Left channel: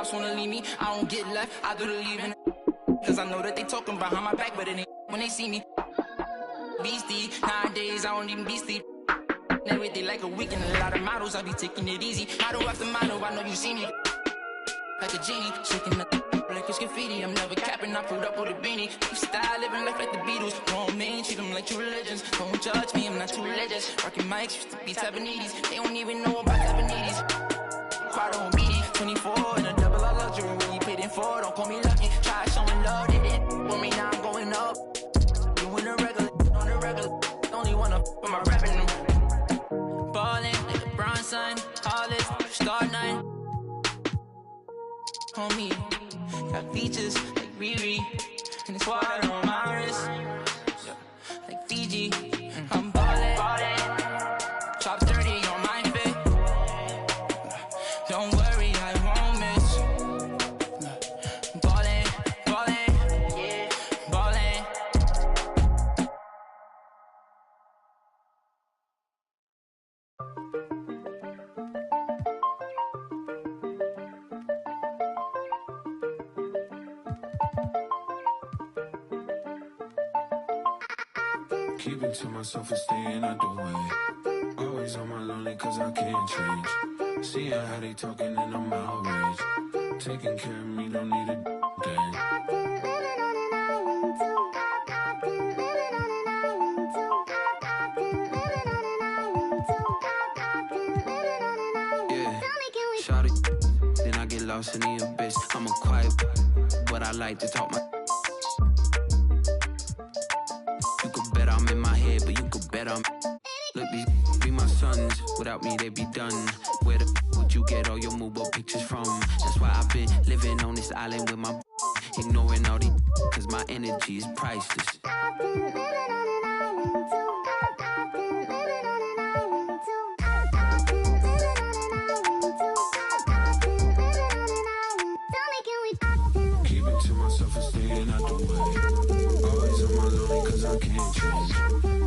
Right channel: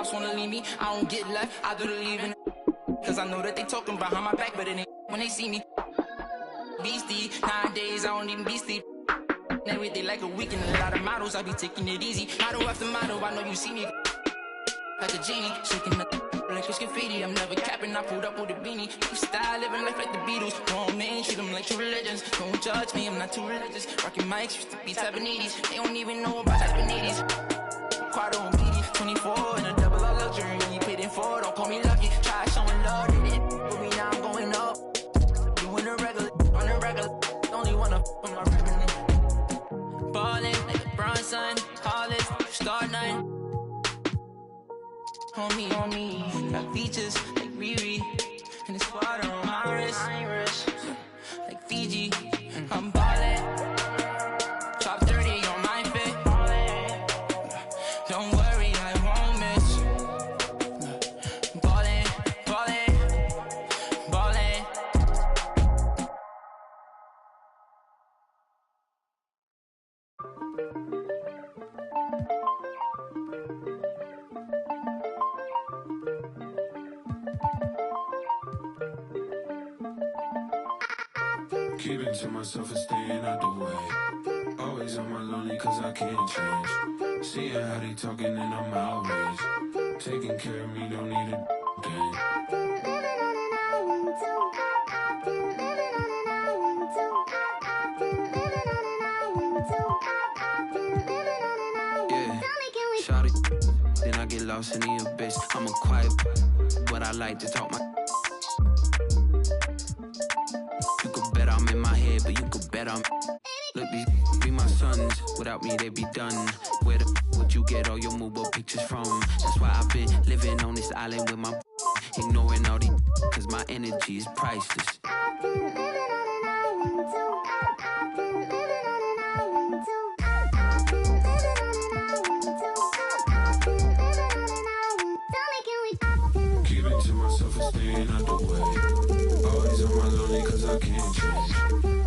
ops wanna leave me, I don't get left, I do the leaving. Cause I know that they talking behind my back, but it ain't when they see me. Beastie, nowadays I don't even be sleep. Everything like a weekend, a lot of models, I be taking it easy. Model after model, I know you see me. Like a genie, shaking the like it's graffiti. I'm never capping, I pulled up with a beanie. Keep style, living life like the Beatles. Grown men, treat them like true religions. Don't judge me, I'm not too religious. Rocking mics, used to be Tabanese. They don't even know about Tabanese. Quad on BD, 24 in a double R luxury. When you paid in for, don't call me lucky. Try showing love, they didn't with me, now I'm going up. Doing the regular, on the regular. Only wanna for my rapping. Ballin' like LeBron, son. Hollis, star 9. Homie, got features like Riri. And it's water on my wrist. Like Fiji, I'm ballin'. Top 30 on my fit. Don't worry, I won't miss. Ballin', ballin', ballin'. Keeping to myself and staying out the way. Always on my lonely cause I can't change. Seeing how they talking and I'm outraged. Taking care of me, don't need a thing. Yeah, shout it. Then I get lost in the abyss. I'm a quiet, but I like to talk my. I'm in my head, but you could bet I'm. Look, these be my sons. Without me, they be done. Where the would you get all your mobile pictures from? That's why I've been living on this island with my. Ignoring all these, cause my energy is priceless. Keep it to myself and staying out the way. Always on my lonely cause I can't change.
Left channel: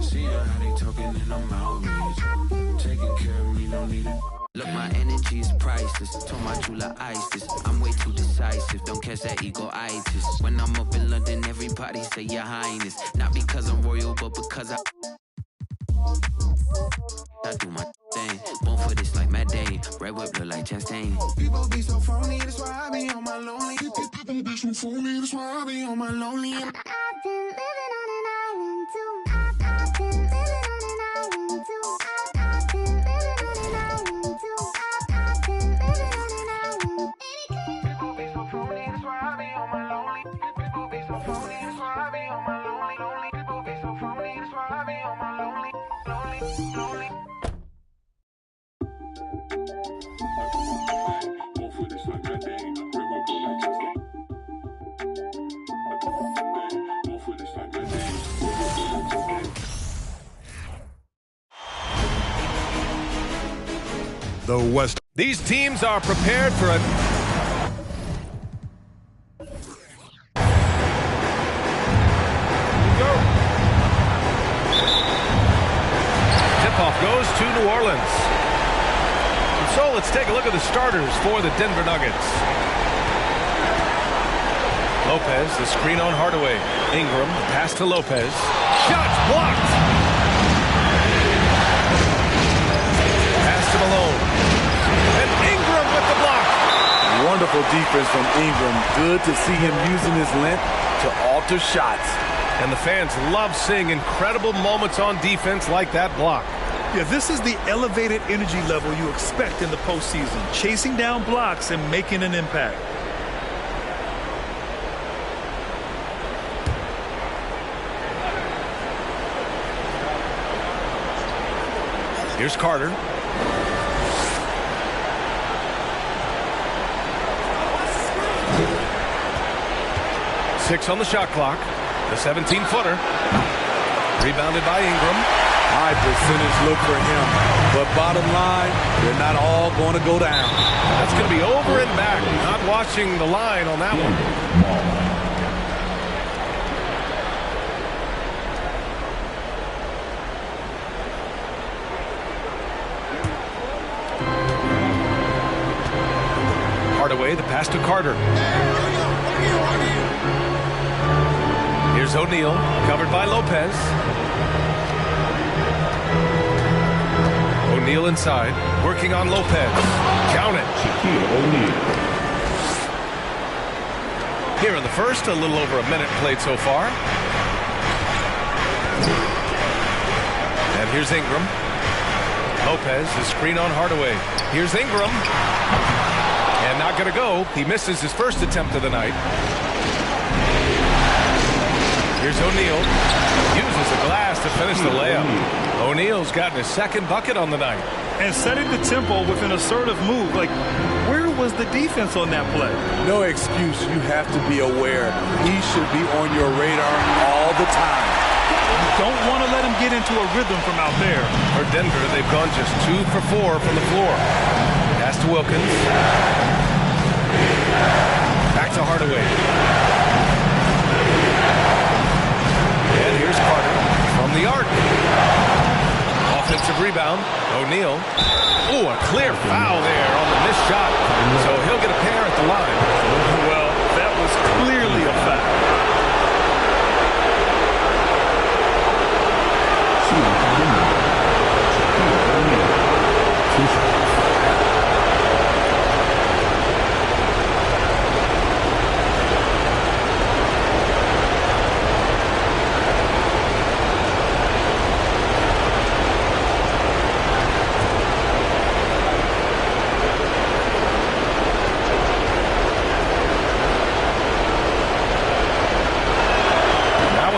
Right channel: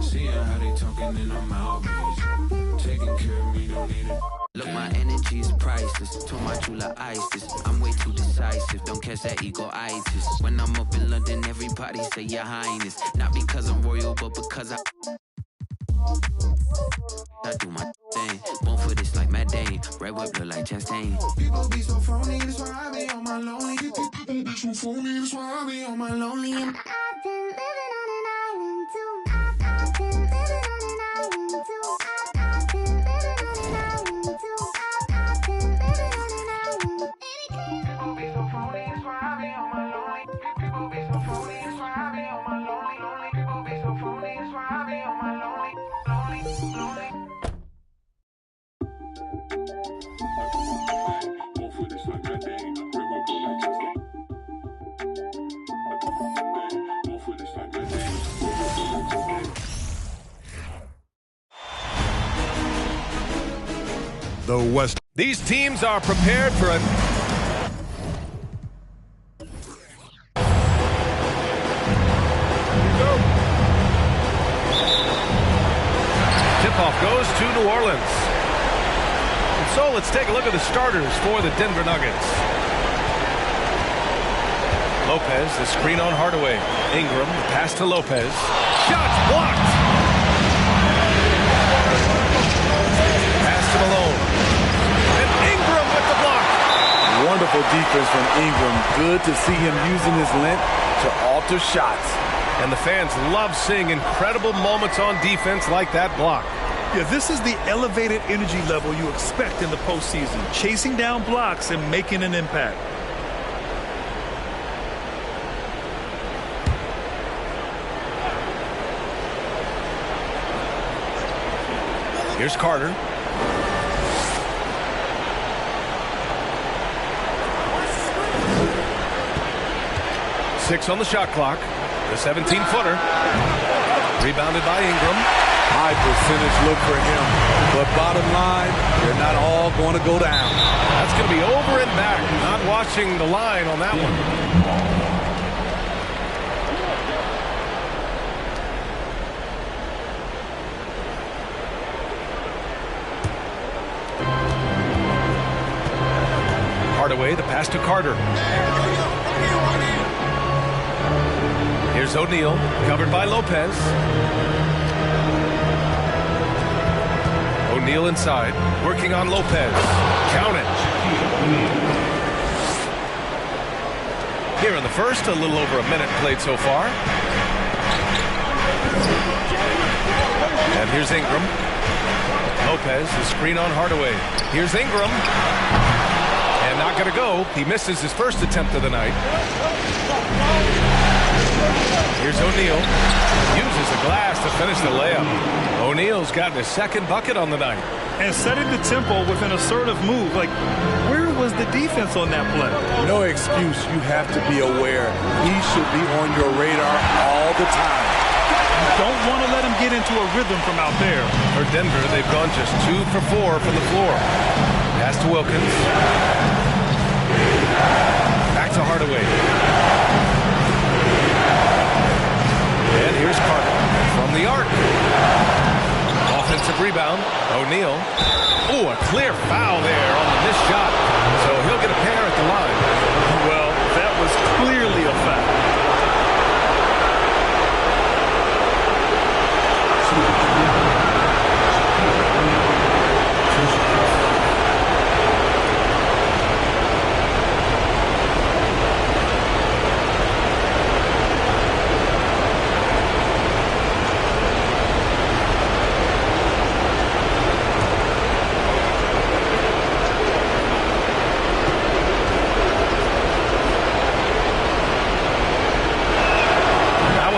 Seeing how they talking and I'm outraged. Taking care of me, don't need it. Look, my energy is priceless. Told my jeweler ISIS. I'm way too decisive. Don't catch that ego-itis. When I'm up in London, everybody say your highness. Not because I'm royal, but because I do my thing. Born for this like Matt Dane. Red whip look like Chastain. People be so phony, that's why I be on my lonely. People be so phony, that's why I be on my lonely. I've been living on an island too. I've been living on an island too. I've been living on an island too. I've been living on an island. People be so phony, that's why I be on my lonely. People be so phony, that's why I be on my lonely. Lonely people be so phony, that's why I be on my lonely. Lonely, lonely. The West. These teams are prepared for a tip-off goes to New Orleans. And so let's take a look at the starters for the Denver Nuggets. Lopez, the screen on Hardaway. Ingram, the pass to Lopez. Shots blocked. Pass to Malone. And Ingram with the block. Wonderful defense from Ingram. Good to see him using his length to alter shots. And the fans love seeing incredible moments on defense like that block. Yeah, this is the elevated energy level you expect in the postseason. Chasing down blocks and making an impact. Here's Carter. Six on the shot clock. The 17-footer. Rebounded by Ingram. High percentage look for him. But bottom line, they're not all going to go down. That's going to be over and back. Not watching the line on that one. Hardaway, the pass to Carter. Here's O'Neal, covered by Lopez. O'Neal inside, working on Lopez. Count it. Here in the first, a little over a minute played so far. And here's Ingram. Lopez, the screen on Hardaway. Here's Ingram. And not going to go. He misses his first attempt of the night. Here's O'Neal. Uses the glass to finish the layup. O'Neal's gotten his second bucket on the night. And setting the tempo with an assertive move. Like, where was the defense on that play? No excuse. You have to be aware. He should be on your radar all the time. You don't want to let him get into a rhythm from out there. For Denver, they've gone just 2 for 4 from the floor. Pass to Wilkins. Back to Hardaway. And here's Carter from the arc. Offensive rebound. O'Neal. Oh, a clear foul there on the missed shot. So he'll get a pair at the line. Well, that was clearly a foul.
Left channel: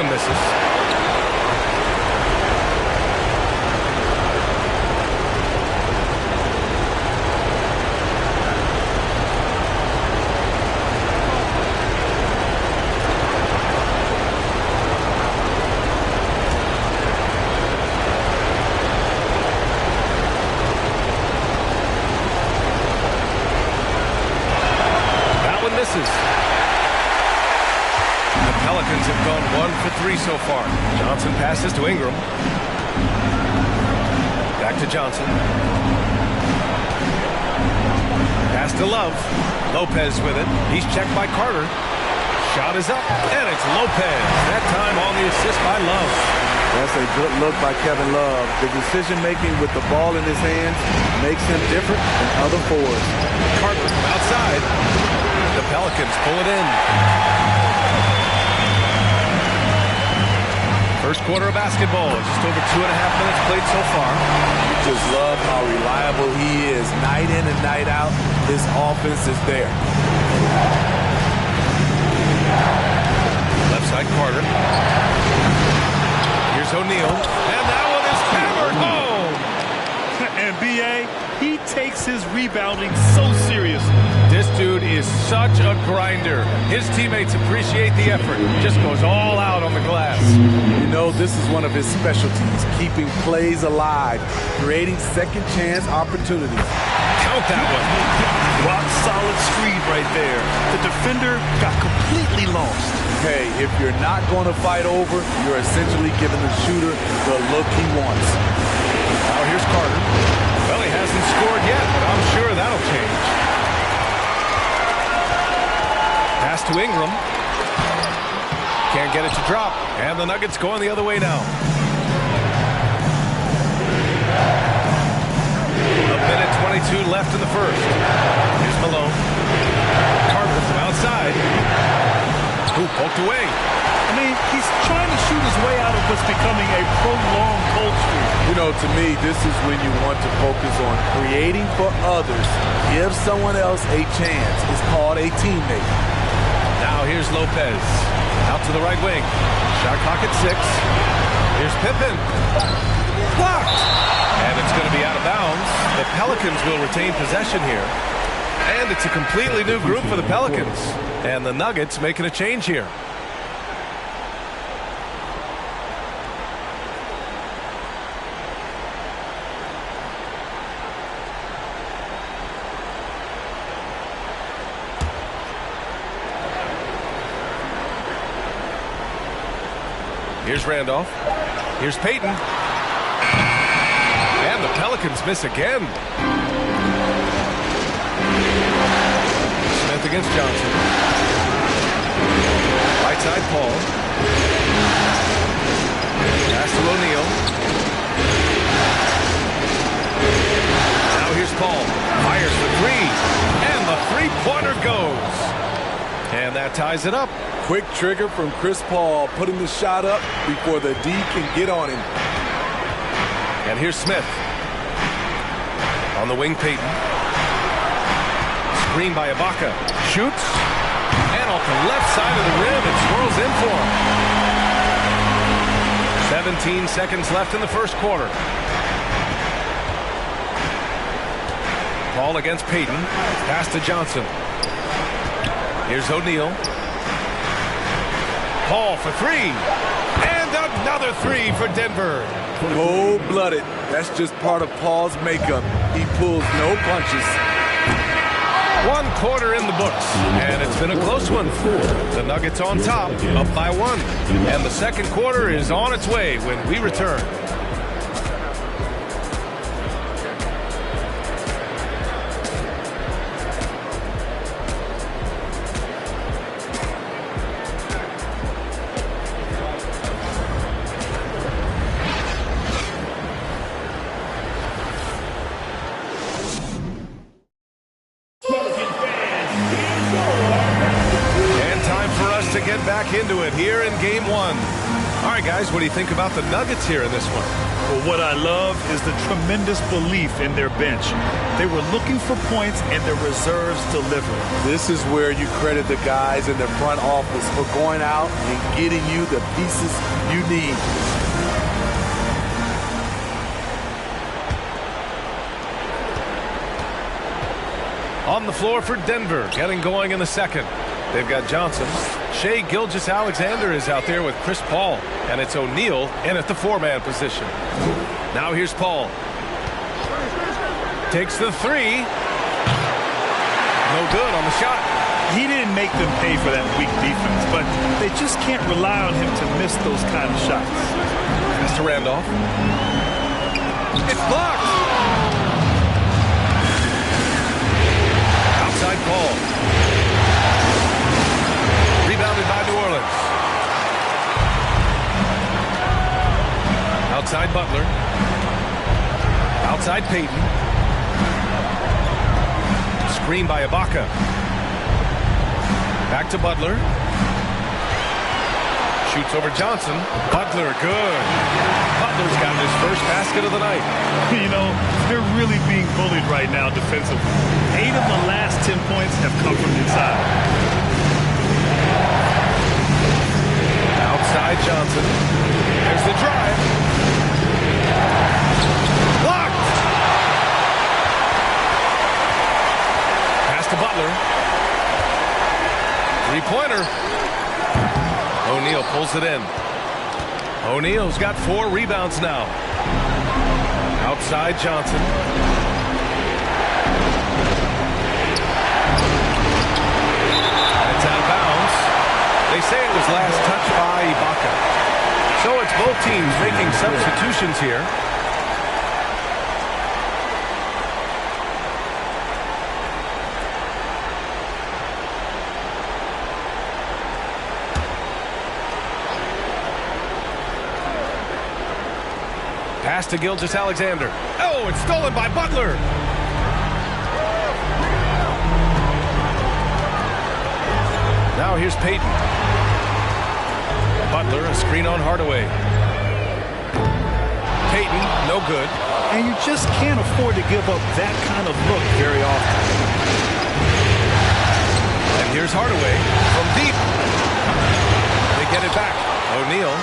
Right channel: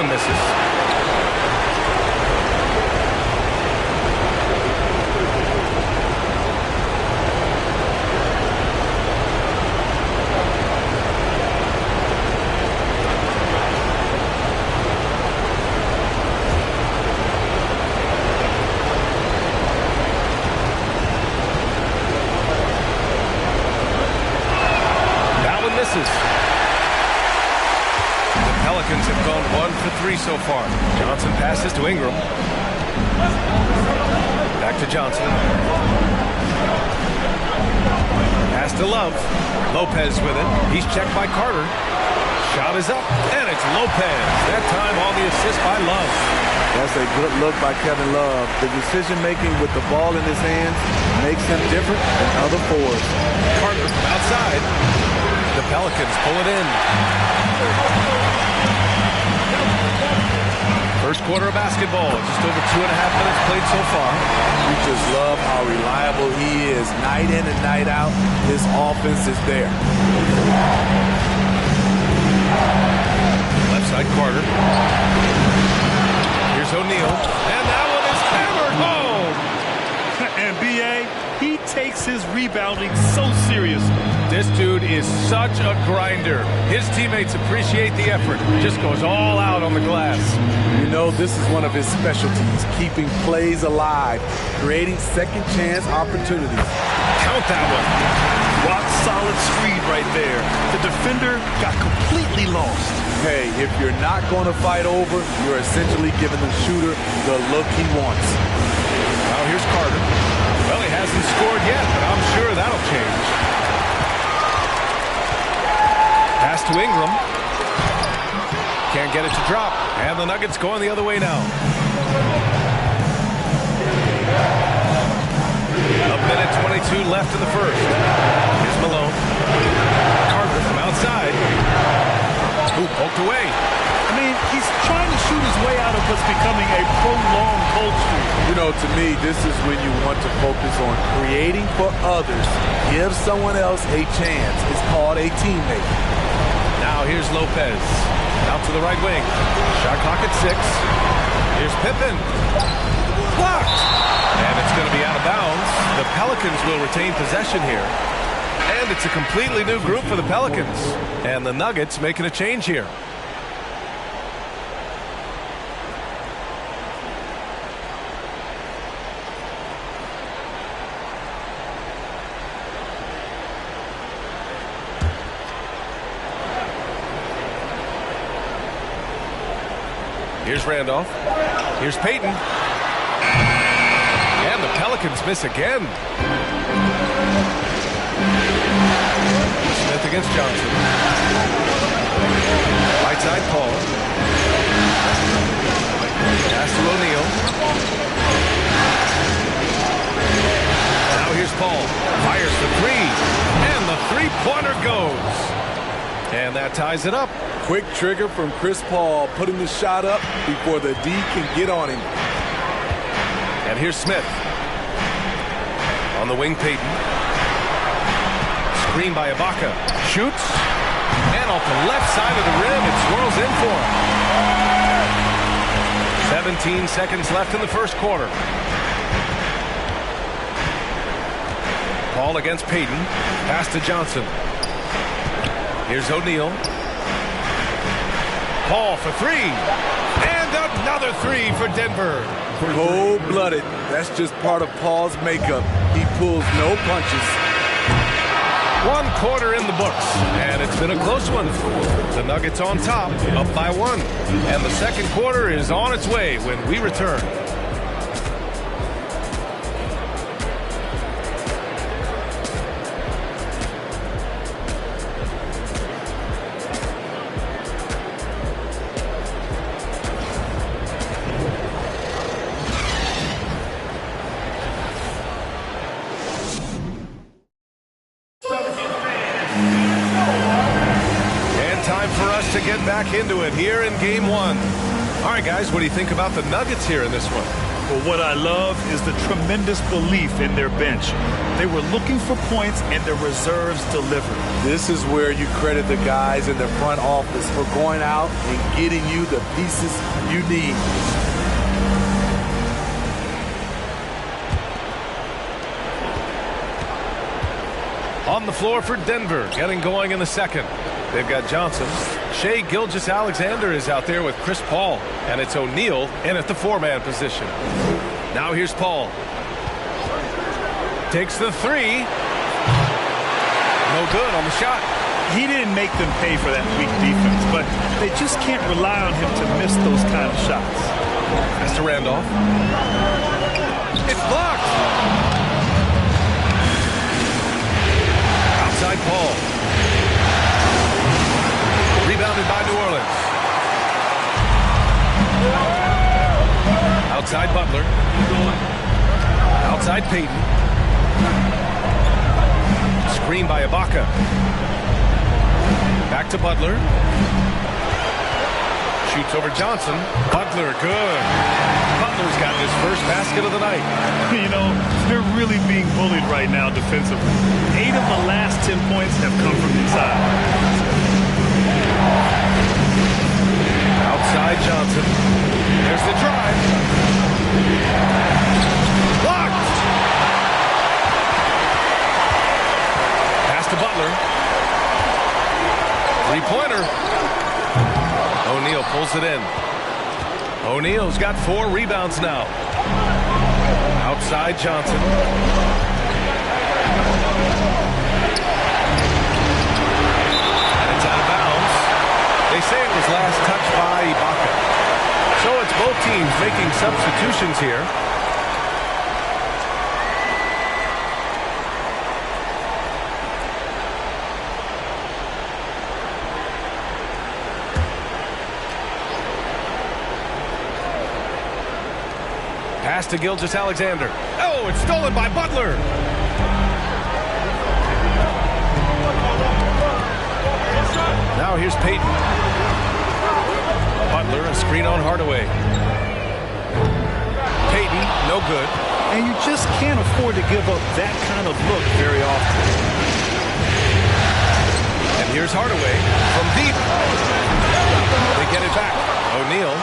Misses. That one misses. Pelicans have gone 1 for 3 so far. Johnson passes to Ingram. Back to Johnson. Pass to Love. Lopez with it. He's checked by Carter. Shot is up, and it's Lopez. That time on the assist by Love. That's a good look by Kevin Love. The decision-making with the ball in his hands makes him different than other fours. Carter from outside. The Pelicans pull it in. First quarter of basketball, just over 2.5 minutes played so far. You just love how reliable he is. Night in and night out, his offense is there. Left side, Carter. Here's O'Neal, and that one is hammered home. And B.A., he takes his rebounding so seriously. This dude is such a grinder. His teammates appreciate the effort. Just goes all out on the glass. You know, this is one of his specialties, keeping plays alive, creating second chance opportunities. Count that one. Rock solid screen right there. The defender got completely lost. Hey, if you're not going to fight over, you're essentially giving the shooter the look he wants. Now here's Carter. Well, he hasn't scored yet, but I'm sure that'll change. Pass to Ingram. Can't get it to drop. And the Nuggets going the other way now. A minute 22 left in the first. Here's Malone. Carter from outside. Ooh, poked away. I mean, he's trying to shoot his way out of what's becoming a prolonged cold streak. You know, to me, this is when you want to focus on creating for others. Give someone else a chance. It's called a teammate. Now here's Lopez. Out to the right wing. Shot clock at 6. Here's Pippen. Blocked. And it's going to be out of bounds. The Pelicans will retain possession here. And it's a completely new group for the Pelicans. And the Nuggets making a change here. Here's Randolph. Here's Payton. And the Pelicans miss again. against Johnson. Right side, Paul. Pass to O'Neal. Now here's Paul. Fires the three. And the three-pointer goes. And that ties it up. Quick trigger from Chris Paul, putting the shot up before the D can get on him. And here's Smith. On the wing, Payton. Screen by Ibaka. Shoots. And off the left side of the rim, it swirls in for him. 17 seconds left in the first quarter. Paul against Payton. Pass to Johnson. Here's O'Neal. Paul for three. And another three for Denver. Cold-blooded. That's just part of Paul's makeup. He pulls no punches. 1 quarter in the books, and it's been a close one. The Nuggets on top, up by 1. And the second quarter is on its way when we return. To get back into it here in game 1. All right, guys, what do you think about the Nuggets here in this one? Well, what I love is the tremendous belief in their bench. They were looking for points, and their reserves delivered. This is where you credit the guys in the front office for going out and getting you the pieces you need. On the floor for Denver, getting going in the second. They've got Johnson. Shai Gilgeous-Alexander is out there with Chris Paul. And it's O'Neal in at the 4-man position. Now here's Paul. Takes the three. No good on the shot. He didn't make them pay for that weak defense, but they just can't rely on him to miss those kind of shots. Pass to Randolph. It's blocked. Outside Paul. Rebounded by New Orleans. Outside Butler. Outside Payton. Screen by Ibaka. Back to Butler. Shoots over Johnson. Butler, good. Butler's got his first basket of the night. You know, they're really being bullied right now defensively. 8 of the last 10 points have come from inside. Outside Johnson. There's the drive. Blocked. Pass to Butler. Three-pointer. O'Neal pulls it in. O'Neal's got 4 rebounds now. Outside Johnson. And it's out of bounds. They say it was last touched by Ibaka. So it's both teams making substitutions here. Pass to Gilgeous-Alexander. Oh, it's stolen by Butler. Now here's Payton. Butler, a screen on Hardaway. Payton, no good. And you just can't afford to give up that kind of look very often. And here's Hardaway from deep. They get it back. O'Neal.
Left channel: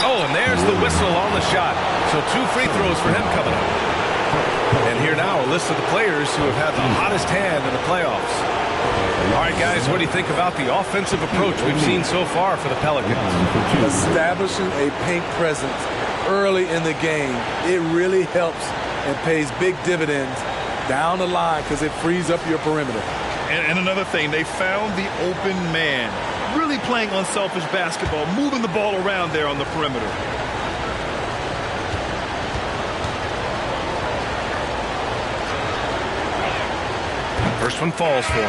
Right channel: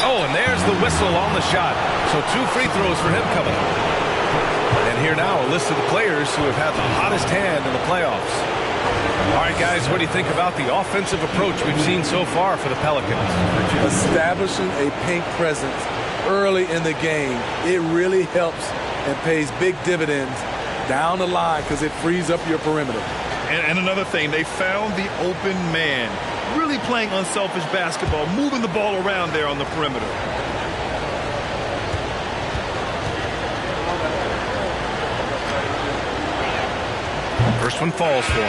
Oh, and there's the whistle on the shot. So 2 free throws for him coming up. And here now a list of the players who have had the hottest hand in the playoffs. All right, guys, what do you think about the offensive approach we've seen so far for the Pelicans? Establishing a paint presence early in the game, it really helps and pays big dividends down the line because it frees up your perimeter. And another thing, they found the open man. Really playing unselfish basketball, moving the ball around there on the perimeter. First one falls for him.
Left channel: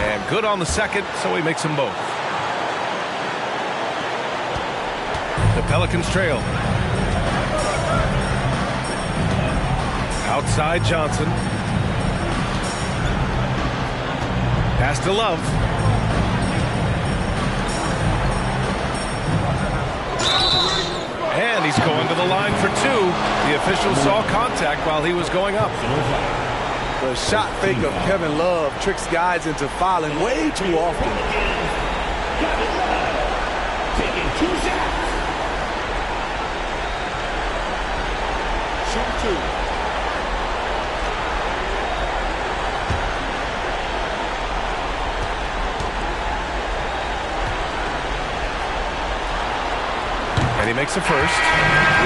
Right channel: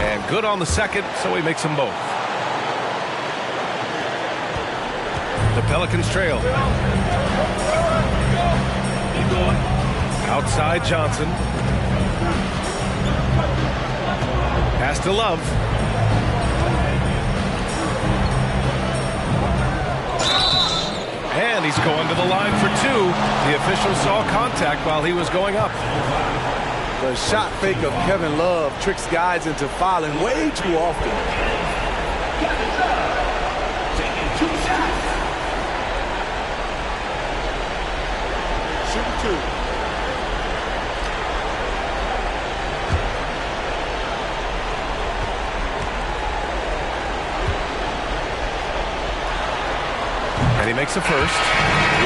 And good on the second, so he makes them both. The Pelicans trail. Outside Johnson. Pass to Love. And he's going to the line for two. The official saw contact while he was going up. The shot fake of Kevin Love tricks guys into fouling way too often. Taking 2 shots. Shoot 2. And he makes a first.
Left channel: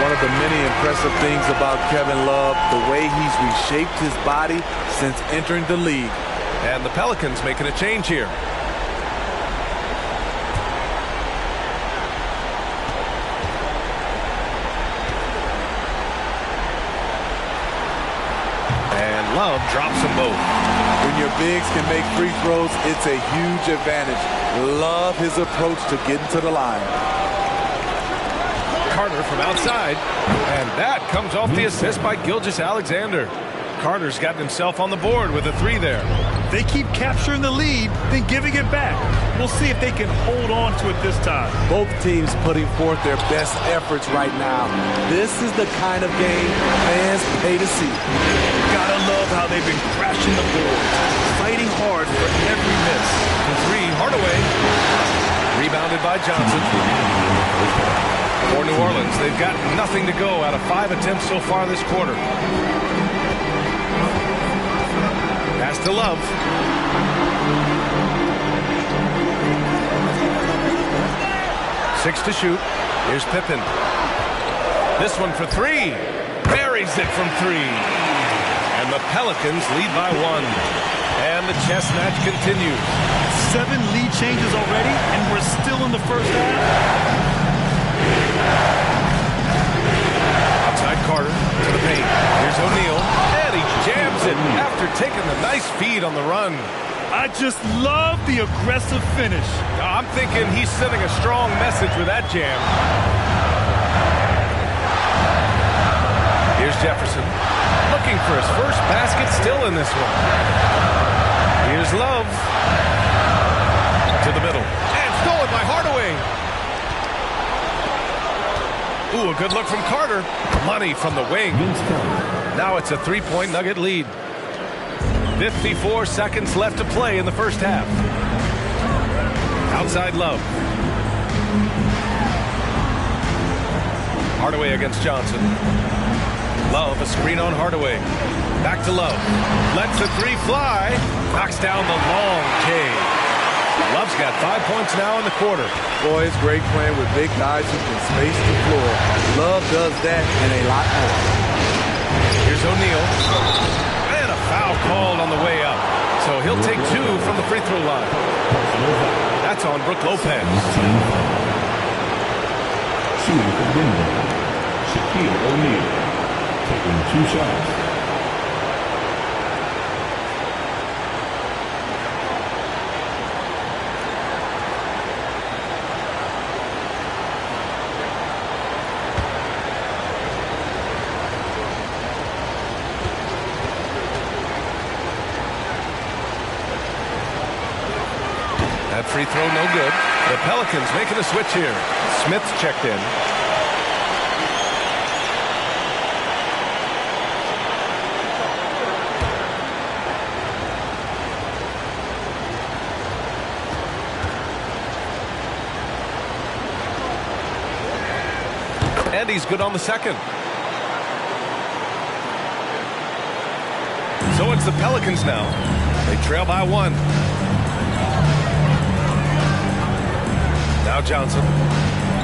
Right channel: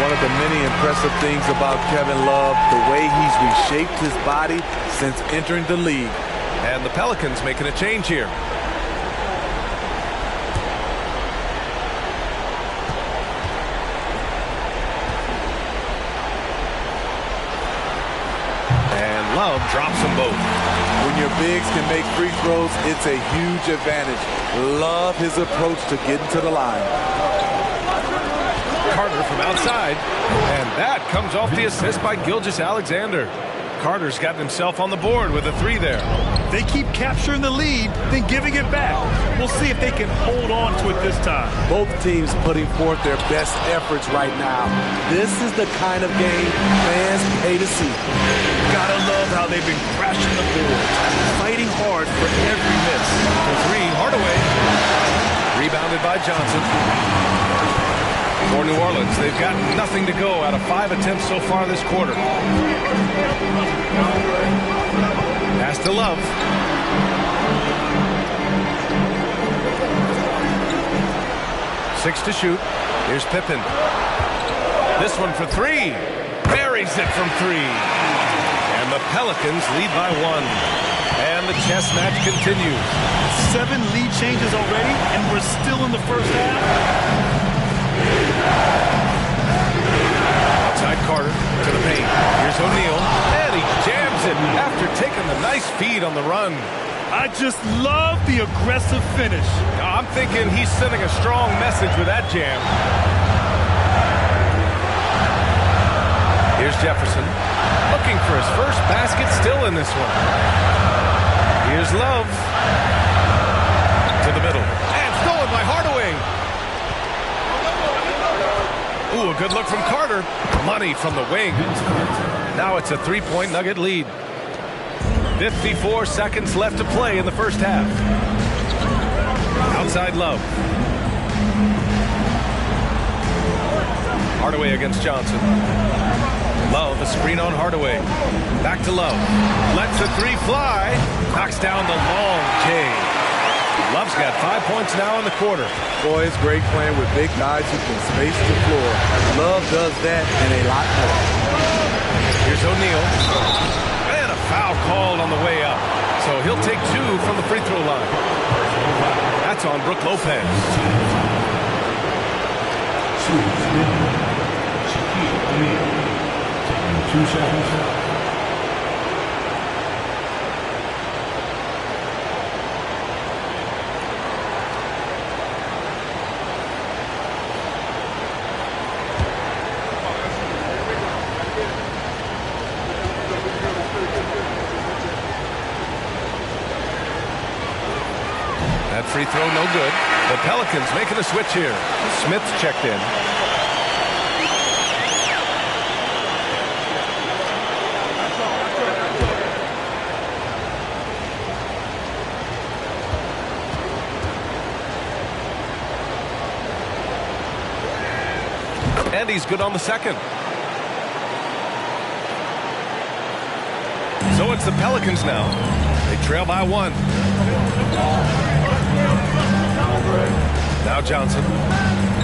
One of the many impressive things about Kevin Love, the way he's reshaped his body since entering the league. And the Pelicans making a change here. And Love drops them both. When your bigs can make free throws, it's a huge advantage. Love his approach to getting to the line. Carter from outside, and that comes off the assist by Gilgeous-Alexander. Carter's gotten himself on the board with a 3 there. They keep capturing the lead, then giving it back. We'll see if they can hold on to it this time. Both teams putting forth their best efforts right now. This is the kind of game fans pay to see. Gotta love how they've been crashing the boards, fighting hard for every miss. The 3, Hardaway. Rebounded by Johnson. For New Orleans, they've got nothing to go out of 5 attempts so far this quarter. Pass to Love. Six to shoot. Here's Pippen. This one for 3. Buries it from 3. And the Pelicans lead by 1. And the chess match continues. 7 lead changes already, and we're still in the first half. Outside Carter to the paint. Here's O'Neal, and he jams it after taking the nice feed on the run. I just love the aggressive finish. I'm thinking he's sending a strong message with that jam. Here's Jefferson, looking for his first basket, still in this one. Here's Love. To the middle, and stolen by Hardaway. Ooh, a good look from Carter. Money from the wing. Now it's a 3-point Nugget lead. 54 seconds left to play in the first half. Outside Love. Hardaway against Johnson. Love, a screen on Hardaway. Back to Love. Lets a 3 fly. Knocks down the long J. Love's got 5 points now in the quarter. Boy, it's great playing with big guys who can space the floor. Love does that and a lot more. Here's O'Neal. And a foul called on the way up. So he'll take 2 from the free throw line. That's on Brook Lopez. Shaquille O'Neal taking 2 shots. That free throw no good. The Pelicans making a switch here. Smith's checked in. And he's good on the second. So it's the Pelicans now. They trail by 1. Now Johnson.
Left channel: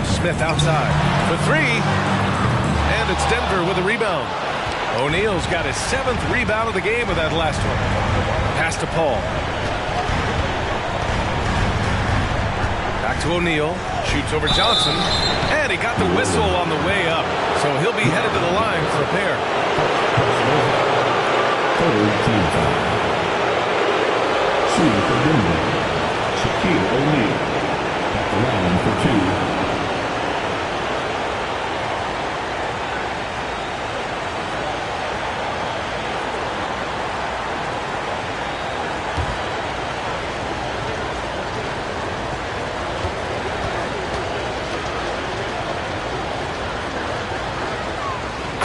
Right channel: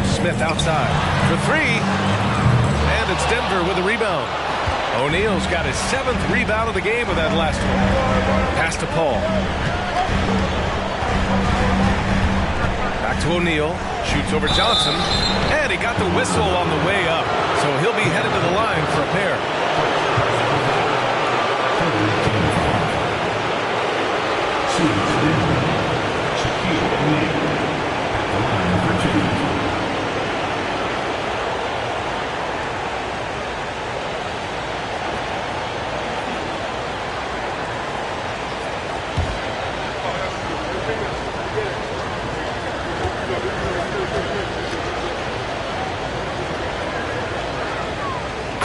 Smith outside for three. And it's Denver with a rebound. O'Neal's got his 7th rebound of the game with that last one. Pass to Paul. Back to O'Neal. Shoots over Johnson. And he got the whistle on the way up. So he'll be headed to the line for a pair. Shaquille O'Neal at the line for 2.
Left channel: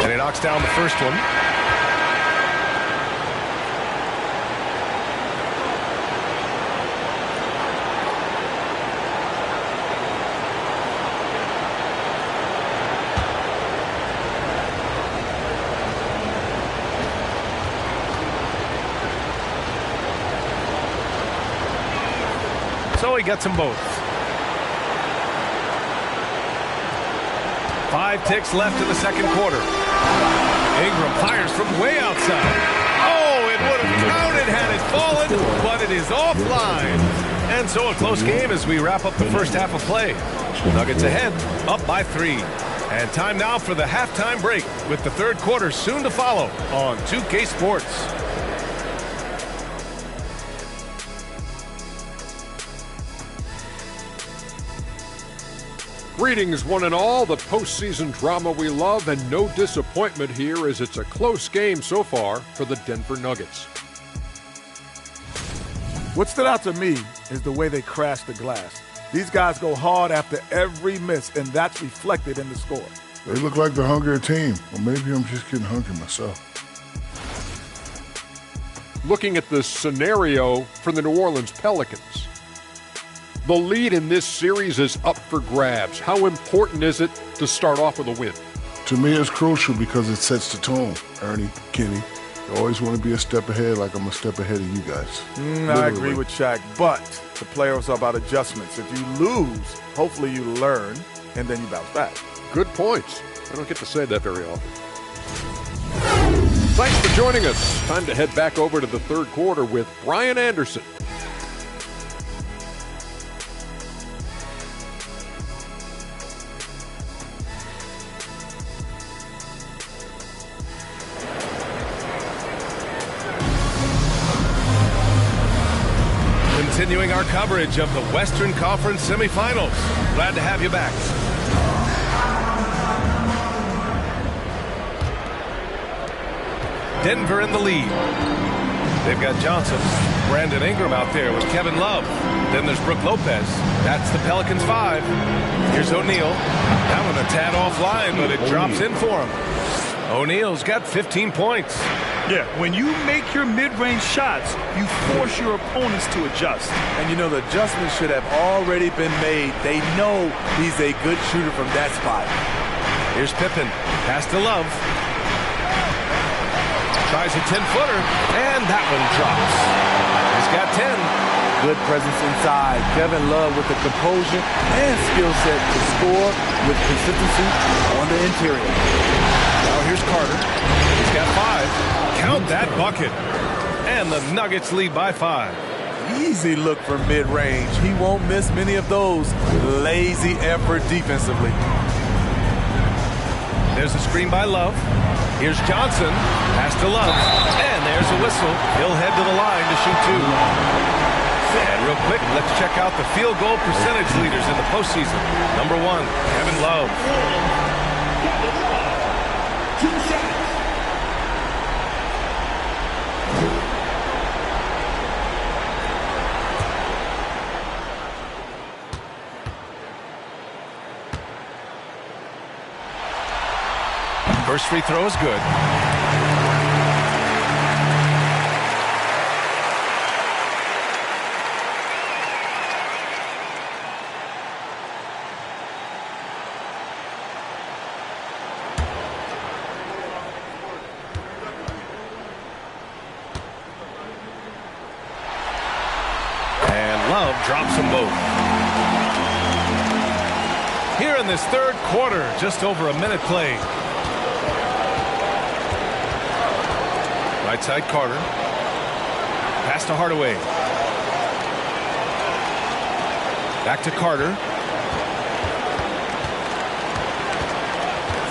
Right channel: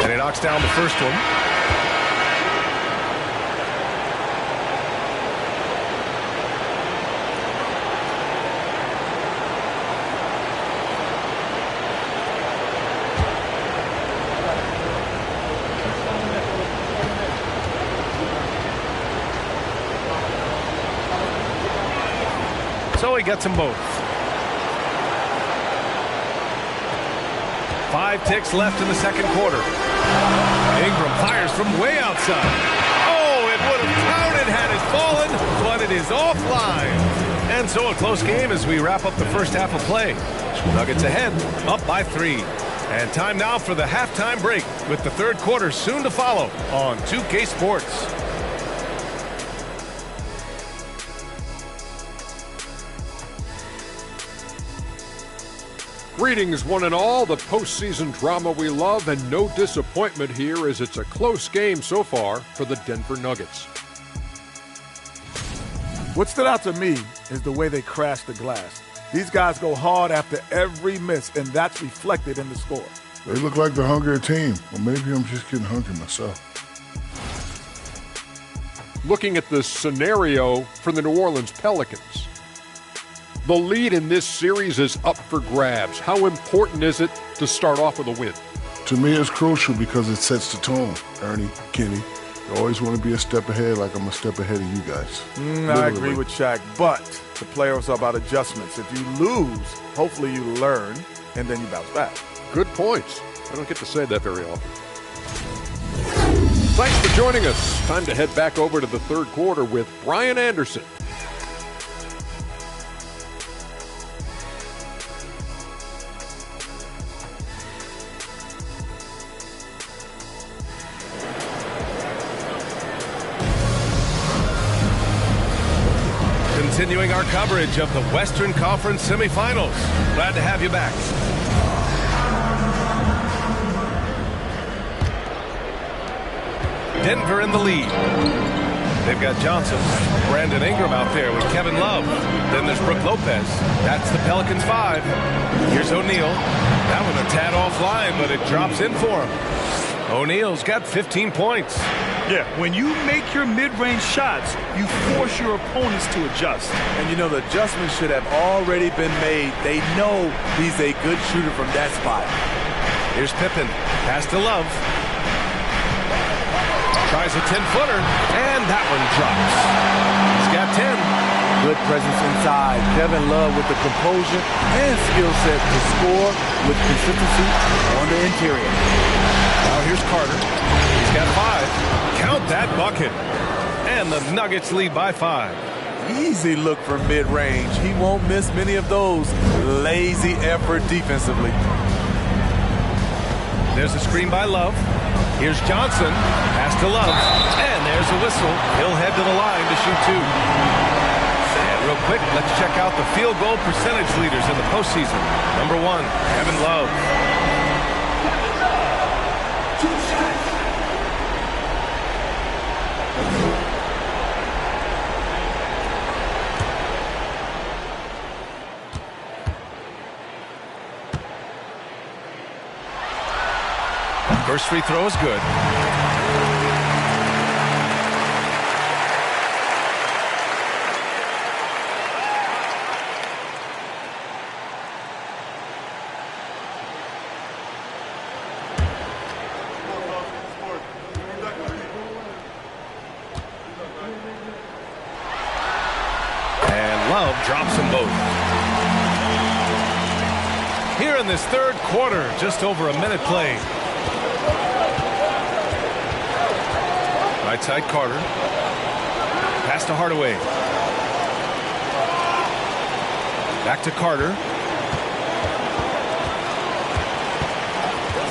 And he knocks down the first one. So he gets them both. 5 ticks left in the second quarter. Ingram fires from way outside. Oh, it would have counted had it fallen, but it is offline. And so a close game as we wrap up the first half of play. Nuggets ahead, up by 3. And time now for the halftime break with the third quarter soon to follow on 2K Sports. Greetings, one and all. The postseason drama we love, and no disappointment here as it's a close game so far for the Denver Nuggets. What stood out to me is the way they crash the glass. These guys go hard after every miss, and that's reflected in the score. They look like the hungrier team. Or maybe I'm just getting hungry myself. Looking at the scenario for the New Orleans Pelicans. The lead in this series is up for grabs. How important is it to start off with a win? To me, it's crucial because it sets the tone. Ernie, Kenny, you always want to be a step ahead like I'm a step ahead of you guys. I agree with Shaq, but the playoffs are about adjustments. If you lose, hopefully you learn, and then you bounce back. Good points. I don't get to say that very often. Thanks for joining us. Time to head back over to the third quarter with Brian Anderson. Continuing our coverage of the Western Conference semifinals. Glad to have you back. Denver in the lead. They've got Johnson, Brandon Ingram out there with Kevin Love. Then there's Brook Lopez. That's the Pelicans 5. Here's O'Neal. That one a tad offline, but it drops in for him. O'Neal's got 15 points. Yeah, when you make your mid-range shots, you force your opponents to adjust. And you know, the adjustments should have already been made. They know he's a good shooter from that spot. Here's Pippen. Pass to Love. Tries a 10-footer, and that one drops. He's got 10. Good presence inside. Kevin Love with the composure and skill set to score with consistency on the interior. Now here's Carter. He's got 5. Count that bucket. And the Nuggets lead by 5. Easy look from mid-range. He won't miss many of those. Lazy effort defensively. There's a screen by Love. Here's Johnson. Pass to Love. And there's a whistle. He'll head to the line to shoot 2. And real quick, let's check out the field goal percentage leaders in the postseason. Number 1, Kevin Love. 2 shots. First free throw is good. And Love drops them both. Here in this third quarter, just over a minute played. Right side Carter. Pass to Hardaway. Back to Carter.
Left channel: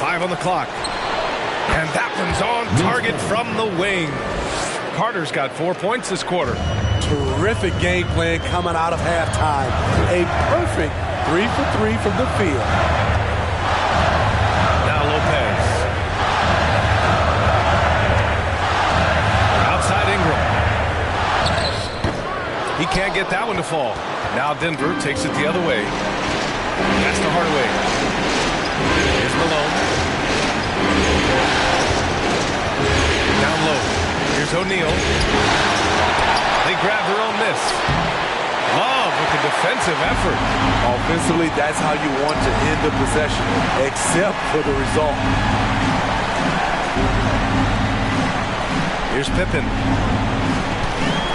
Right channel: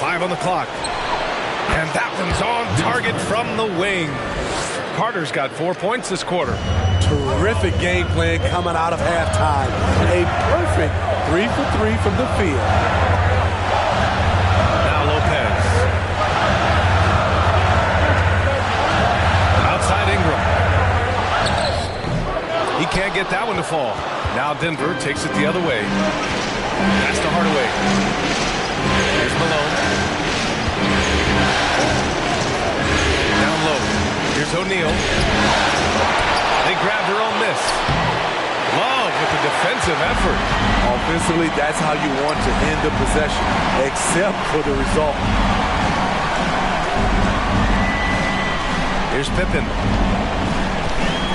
5 on the clock. And that one's on target from the wing. Carter's got 4 points this quarter. Terrific game plan coming out of halftime. A perfect 3 for 3 from the field. Now Lopez. Outside Ingram. He can't get that one to fall. Now Denver takes it the other way. Pass to Hardaway. Here's Malone. Down low. Here's O'Neal. They grab their own miss. Love with the defensive effort. Offensively, that's how you want to end the possession, except for the result. Here's Pippen.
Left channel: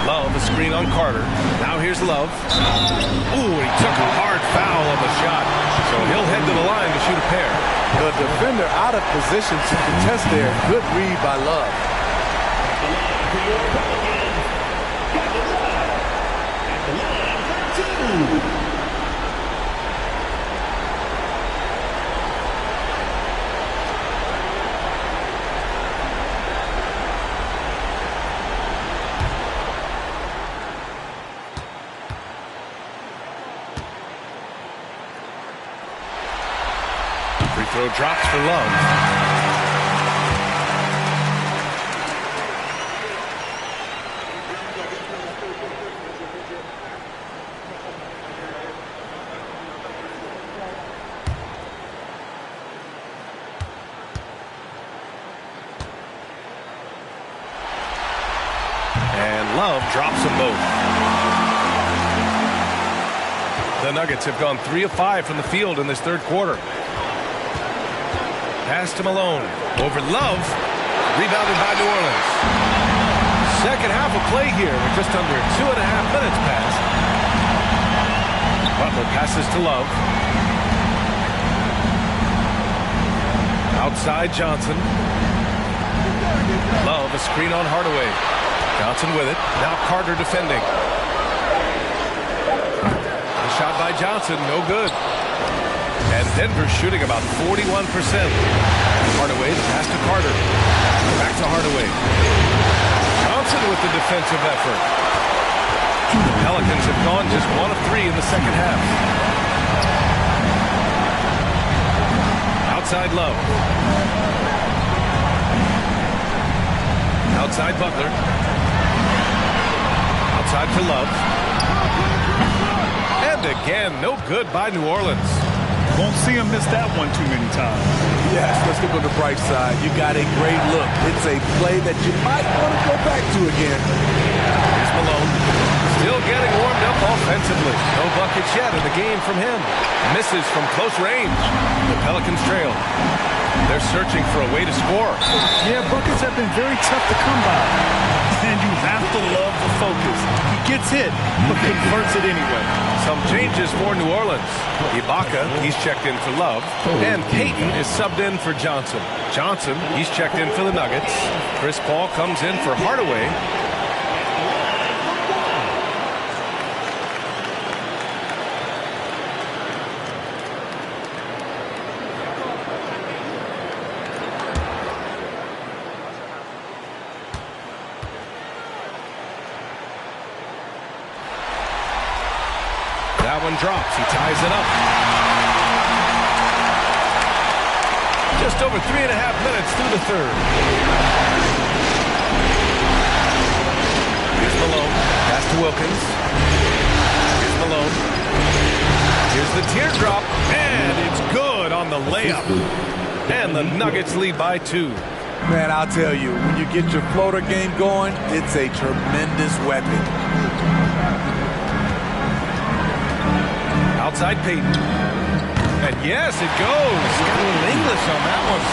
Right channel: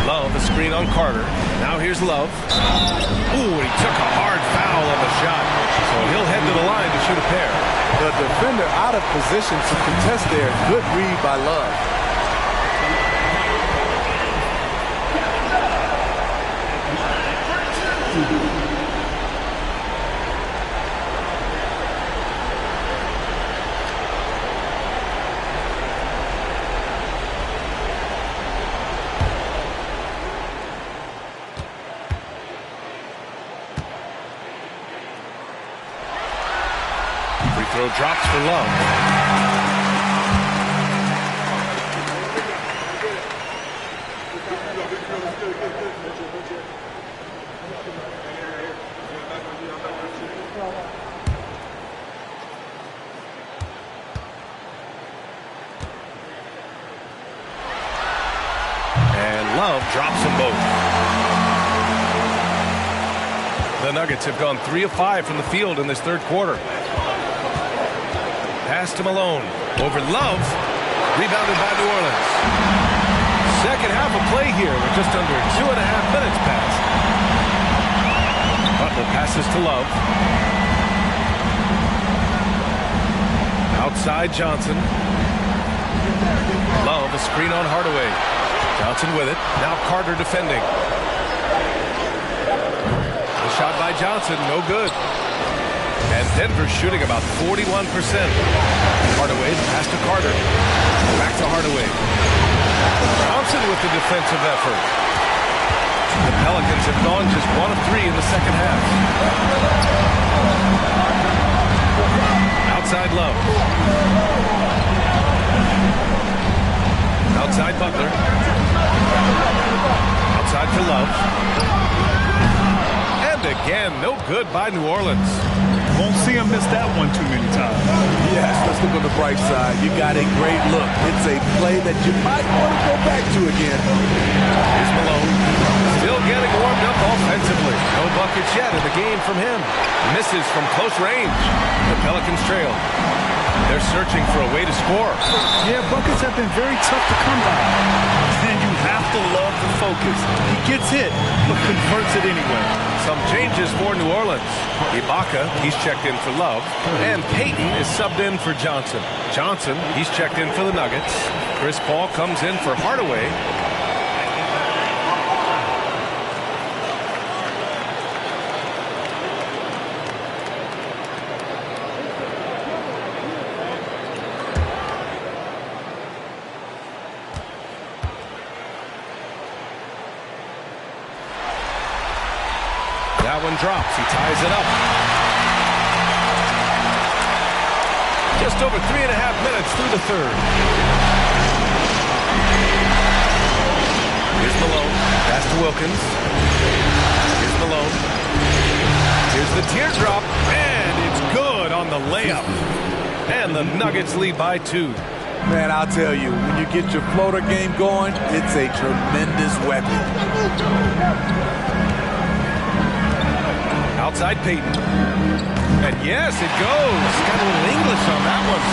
Love, a screen on Carter. Now here's Love. Ooh, he took a hard foul on the shot. So he'll head to the line to shoot a pair. The defender out of position to contest there. Good read by Love. Free throw drops for Love. And Love drops them both. The Nuggets have gone 3 of 5 from the field in this third quarter. Pass to Malone. Over Love. Rebounded by New Orleans. Second half of play here with just under 2.5 minutes passed. Butler passes to Love. Outside Johnson. Love, a screen on Hardaway. Johnson with it. Now Carter defending. The shot by Johnson, no good. And Denver's shooting about 41%. Hardaway, the pass to Carter. Back to Hardaway. Johnson with the defensive effort. The Pelicans have gone just 1 of 3 in the second half. Outside Love. Outside Butler. Outside to Love. And again, no good by New Orleans. Won't see him miss that one too many times. Yes, let's look on the bright side. You got a great look. It's a play that you might want to go back to again. Here's Malone. Still getting warmed up offensively. No buckets yet in the game from him. Misses from close range. The Pelicans trail. They're searching for a way to score. Yeah, buckets have been very tough to come by. And you have to love the focus. He gets hit, but converts it anyway. Some changes for New Orleans. Ibaka, he's checked in for Love. And Payton is subbed in for Johnson. Johnson, he's checked in for the Nuggets. Chris Paul comes in for Hardaway. That one drops. He ties it up. Just over 3.5 minutes through the third. Here's Malone. Pass to Wilkins. Here's Malone. Here's the teardrop. And it's good on the layup. And the Nuggets lead by 2. Man, I'll tell you, when you get your floater game going, it's a tremendous weapon. Outside Payton. And yes, it goes. Got a little English on that one.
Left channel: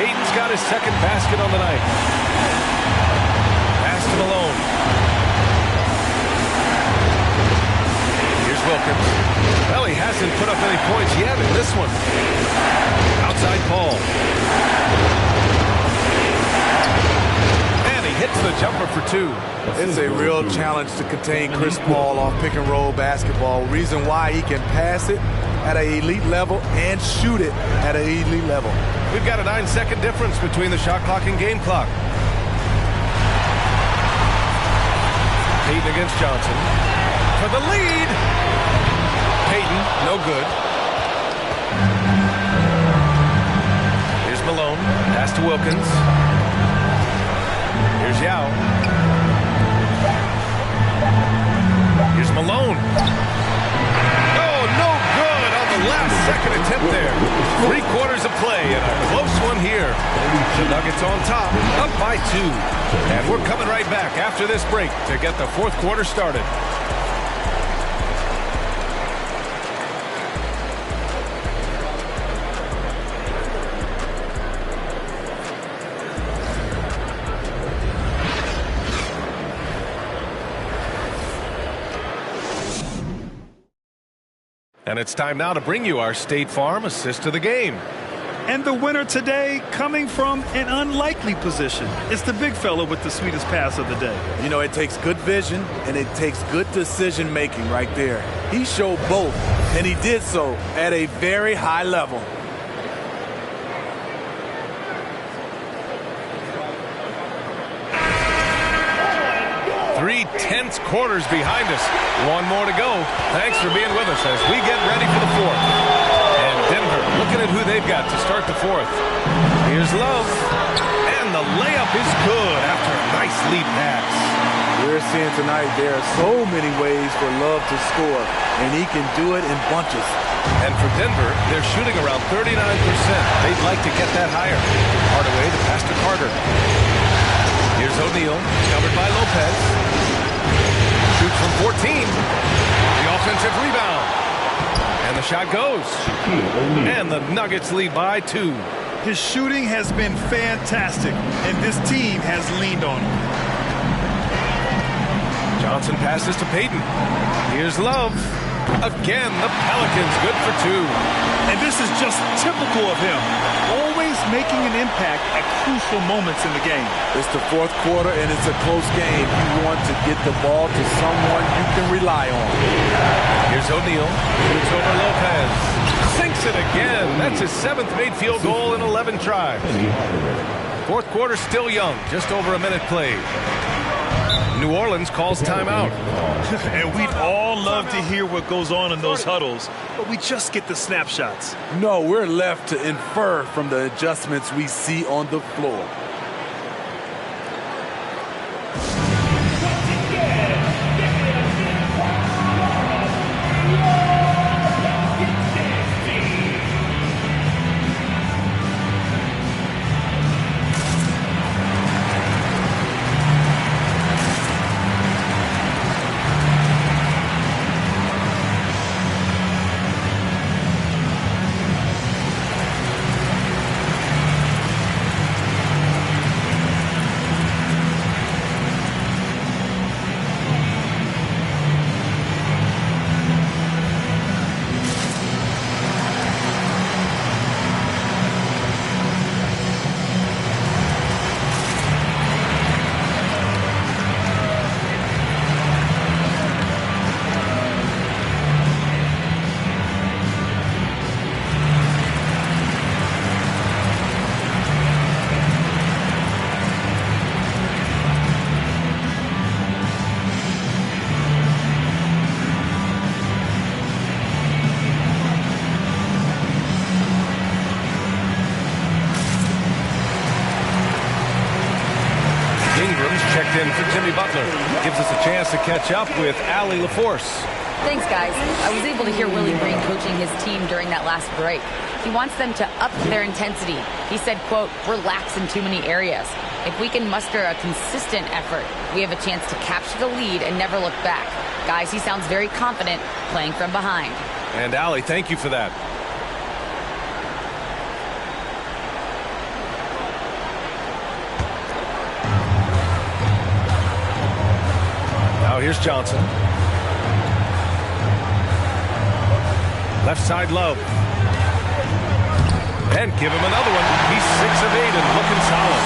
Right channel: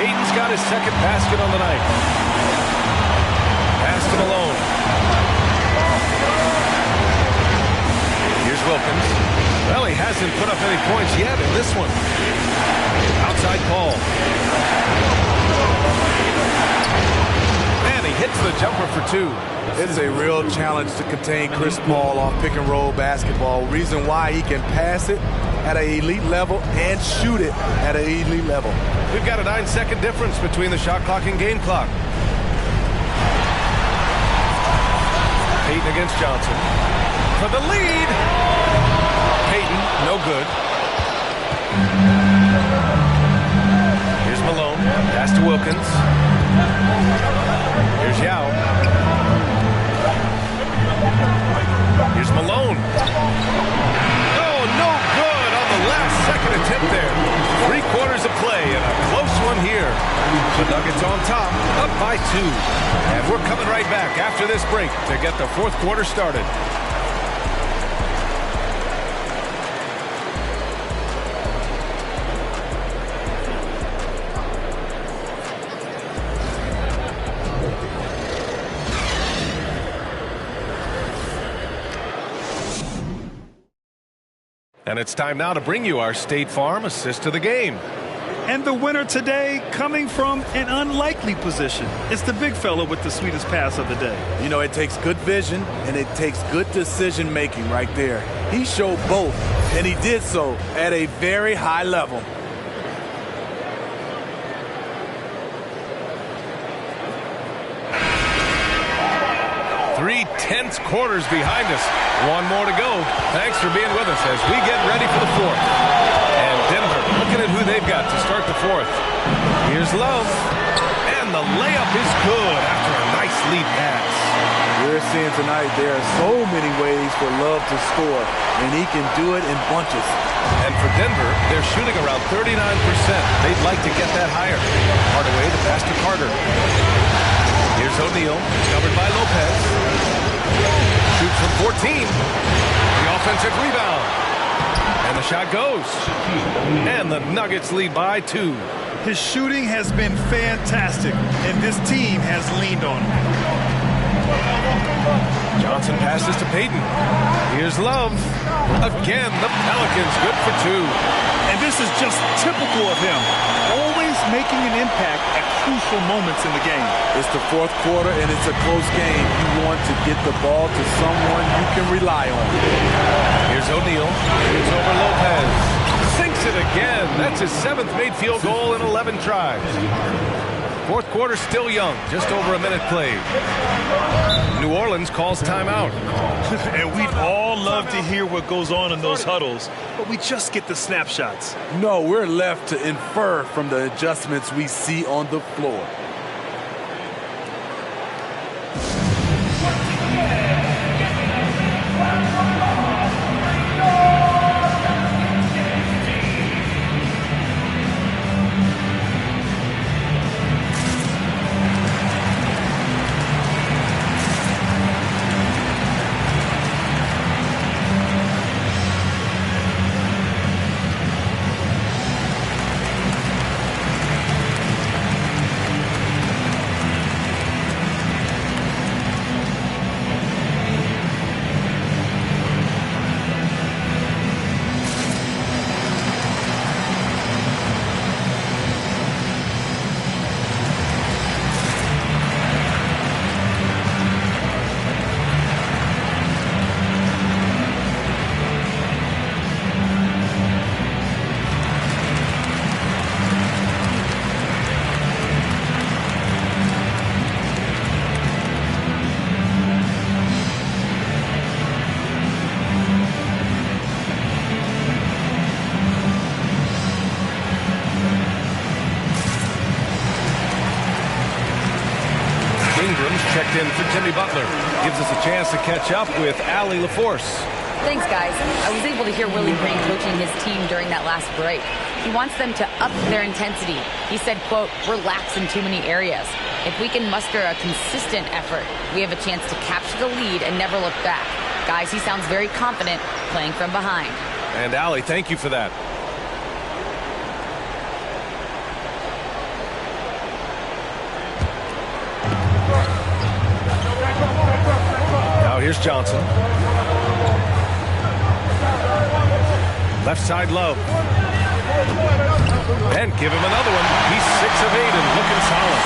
Payton's got his second basket on the night. Pass to Malone. Here's Here's Wilkins. Well, he hasn't put up any points yet in this one. Outside Paul. And he hits the jumper for 2. It's a real challenge to contain Chris Paul off pick-and-roll basketball. Reason why he can pass it at an elite level and shoot it at an elite level. We've got a 9-second difference between the shot clock and game clock. Payton against Johnson. For the lead. Payton, no good. Here's Malone. Pass to Wilkins. Here's Yao. Here's Malone. Oh, no good on the last second attempt there. 3 quarters of play and a close one here. The Nuggets on top, up by 2. And we're coming right back after this break to get the 4th quarter started. And it's time now to bring you our State Farm assist to the game. And the winner today coming from an unlikely position. It's the big fella with the sweetest pass of the day. You know, it takes good vision and it takes good decision making right there. He showed both, and he did so at a very high level. Three-tenths quarters behind us. 1 more to go. Thanks for being with us as we get ready for the 4th. And Denver looking at who they've got to start the 4th. Here's Love. And the layup is good after a nice lead pass. We're seeing tonight there are so many ways for Love to score, and he can do it in bunches. And for Denver, they're shooting around 39%. They'd like to get that higher. Hardaway to pass to Carter. Here's O'Neal, covered by Lopez. Shoots from 14. The offensive rebound. And the shot goes. And the Nuggets lead by 2. His shooting has been fantastic, and this team has leaned on him. Johnson passes to Payton. Here's Love. Again, the Pelicans good for 2. And this is just typical of him. Always making an impact at crucial moments in the game. It's the 4th quarter, and it's a close game. You want to get the ball to someone you can rely on. Here's O'Neal. Shoots over Lopez. Sinks it again. That's his 7th made field goal in 11 tries. 4th quarter still young. Just over a minute played. New Orleans calls timeout. And we'd all love to hear what goes on in those huddles, but we just get the snapshots. No, we're left to infer from the adjustments we see on the floor. Ingram's checked in for Jimmy Butler. Gives us a chance to catch up with Allie LaForce. Thanks, guys. I was able to hear Willie Green coaching his team during that last break. He wants them to up their intensity. He said, quote, relax in too many areas. If we can muster a consistent effort, we have a chance to capture the lead and never look back. Guys, he sounds very confident playing from behind. And Allie, thank you for that. Now here's Johnson. Left side, Love. And give him another one. He's 6 of 8 and looking solid.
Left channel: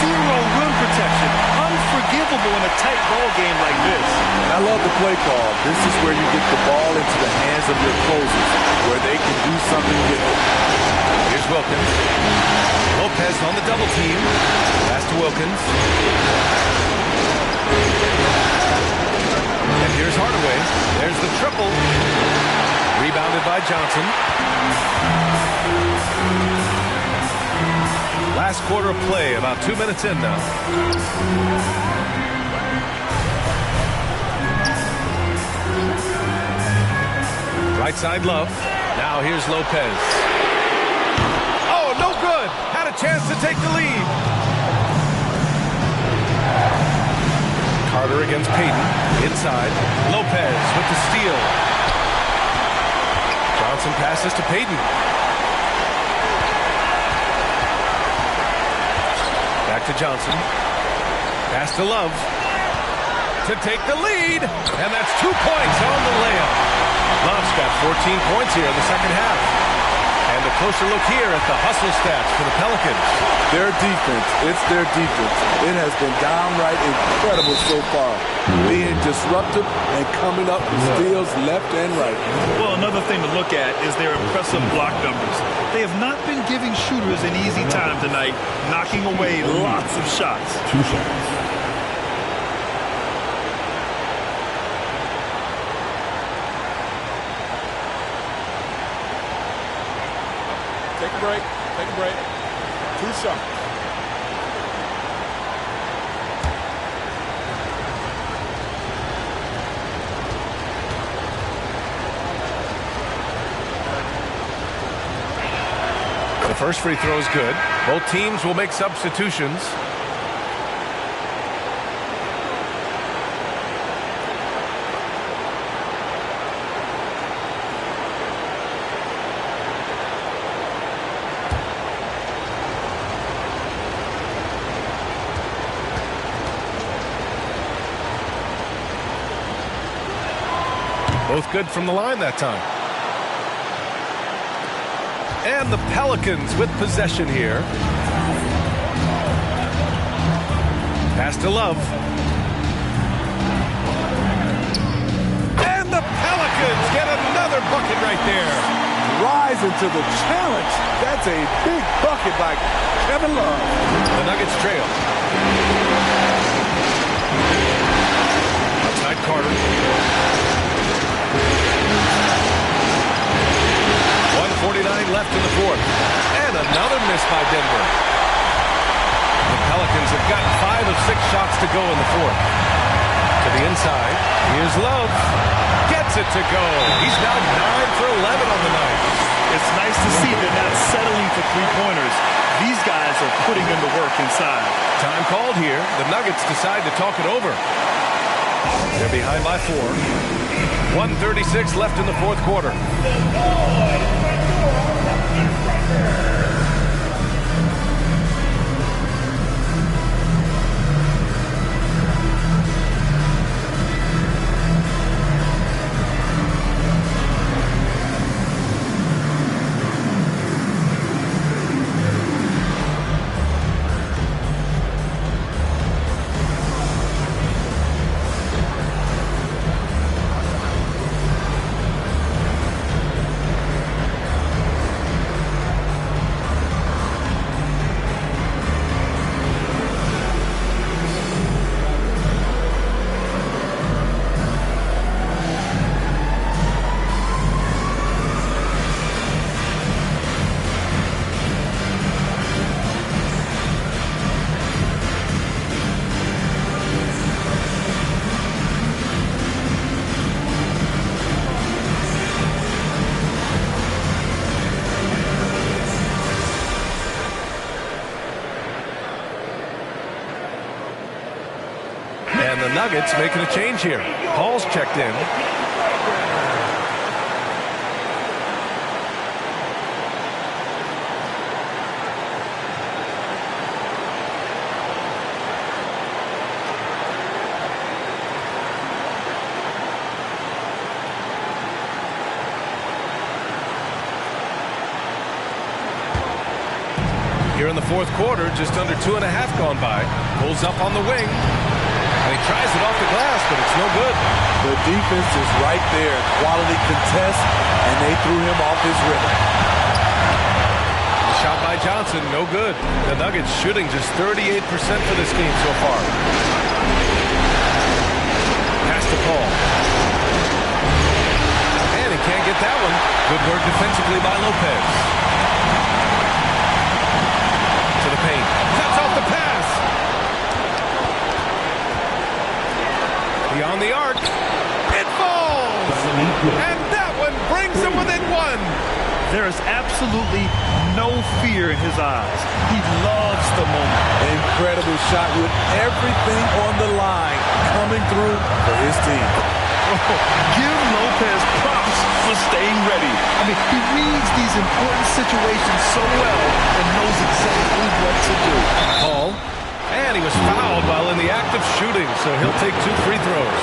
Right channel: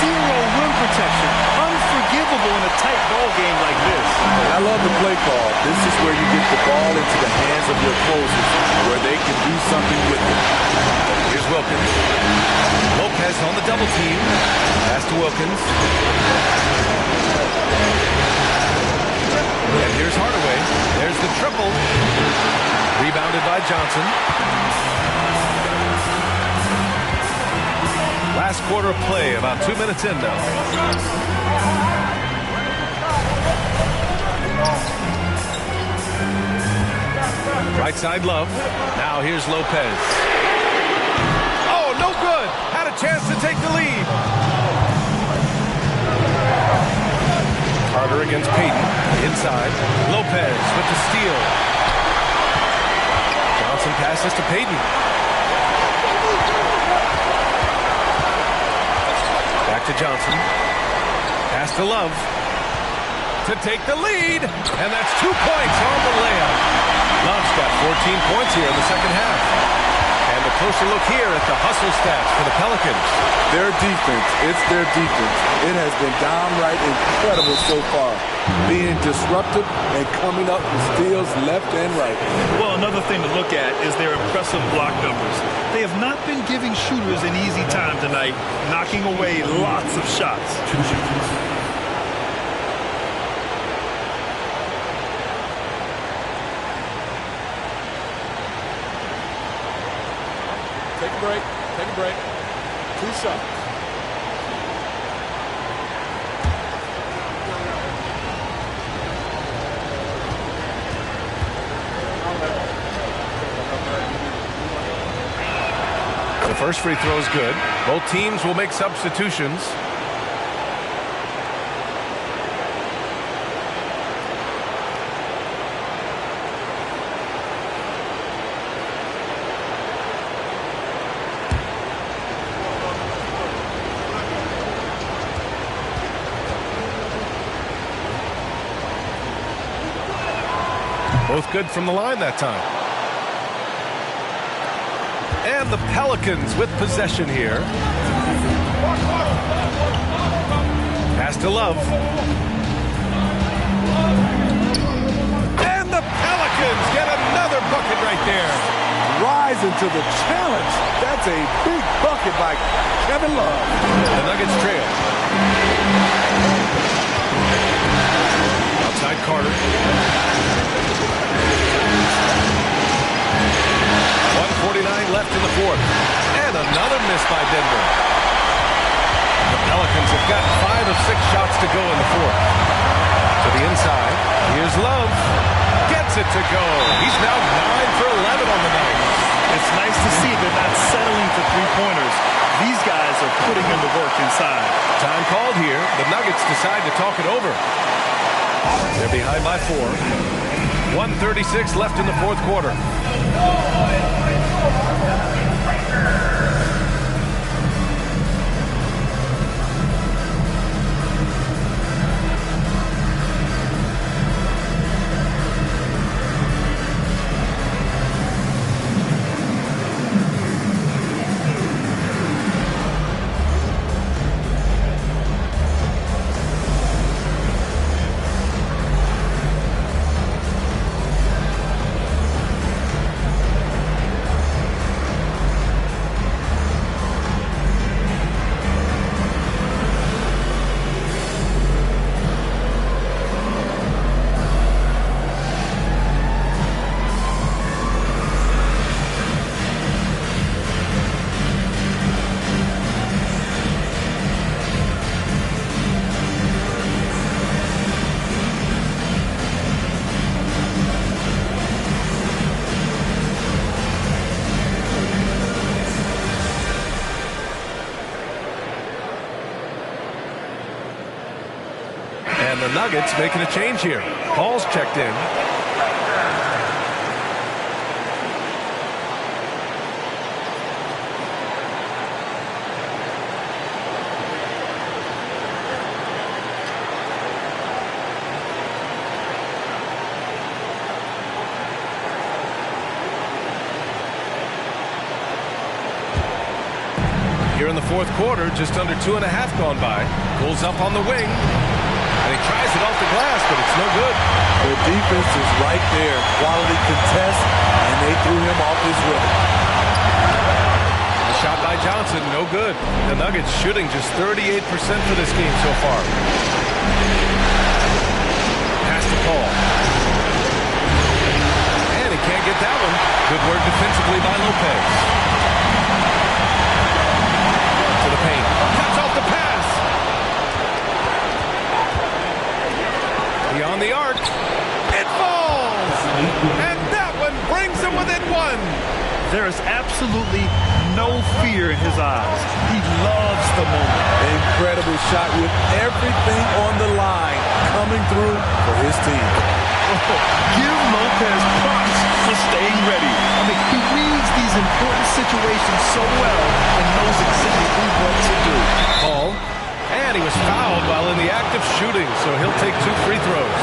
Zero rim protection. Unforgivable in a tight ball game like this. And I love the play call. This is where you get the ball into the hands of your closers, where they can do something with it. Here's Wilkins. Lopez on the double team. Pass to Wilkins. And here's Hardaway. There's the triple. Rebounded by Johnson. Last quarter of play, about 2 minutes in now. Right side, Love. Now here's Lopez. Oh, no good. Had a chance to take the lead. Carter against Payton. Inside. Lopez with the steal. Johnson passes to Payton. Back to Johnson. Pass to Love. To take the lead. And that's 2 points on the layup. Love's got 14 points here in the second half. And a closer look here at the hustle stats for the Pelicans. Their defense, it's their defense. It has been downright incredible so far. Being disruptive and coming up with steals left and right. Well, another thing to look at is their impressive block numbers. They have not been giving shooters an easy time tonight, knocking away lots of shots. 2 seconds. Take a break. Take a break. 2 shots. The first free throw is good. Both teams will make substitutions. Both good from the line that time. And the Pelicans with possession here. Pass to Love. And the Pelicans get another bucket right there. Rising to the challenge. That's a big bucket by Kevin Love. The Nuggets trail. Outside Carter. 1:49 left in the fourth. And another miss by Denver. The Pelicans have got 5 of 6 shots to go in the fourth. To the inside. Here's Love. Gets it to go. He's now 9 for 11 on the night. It's nice to see they're not settling for three-pointers. These guys are putting in the work inside. Time called here. The Nuggets decide to talk it over. They're behind by 4. 1:36 left in the fourth quarter. And the Nuggets making a change here. Paul's checked in. Here in the fourth quarter, just under 2.5 gone by. Pulls up on the wing. And he tries it off the glass, but it's no good. The defense is right there. Quality contest, and they threw him off his rhythm. The shot by Johnson, no good. The Nuggets shooting just 38% for this game so far. Pass to Paul. And he can't get that one. Good work defensively by Lopez. To the paint. Cuts off the pass. Beyond the arc. It falls. And that one brings him within one. There is absolutely no fear in his eyes. He loves the moment. Incredible shot with everything on the line coming through for his team. Oh, give Lopez props for staying ready. I mean, he reads these important situations so well and knows exactly what to do. Paul, and he was fouled while in the act of shooting, so he'll take 2 free throws.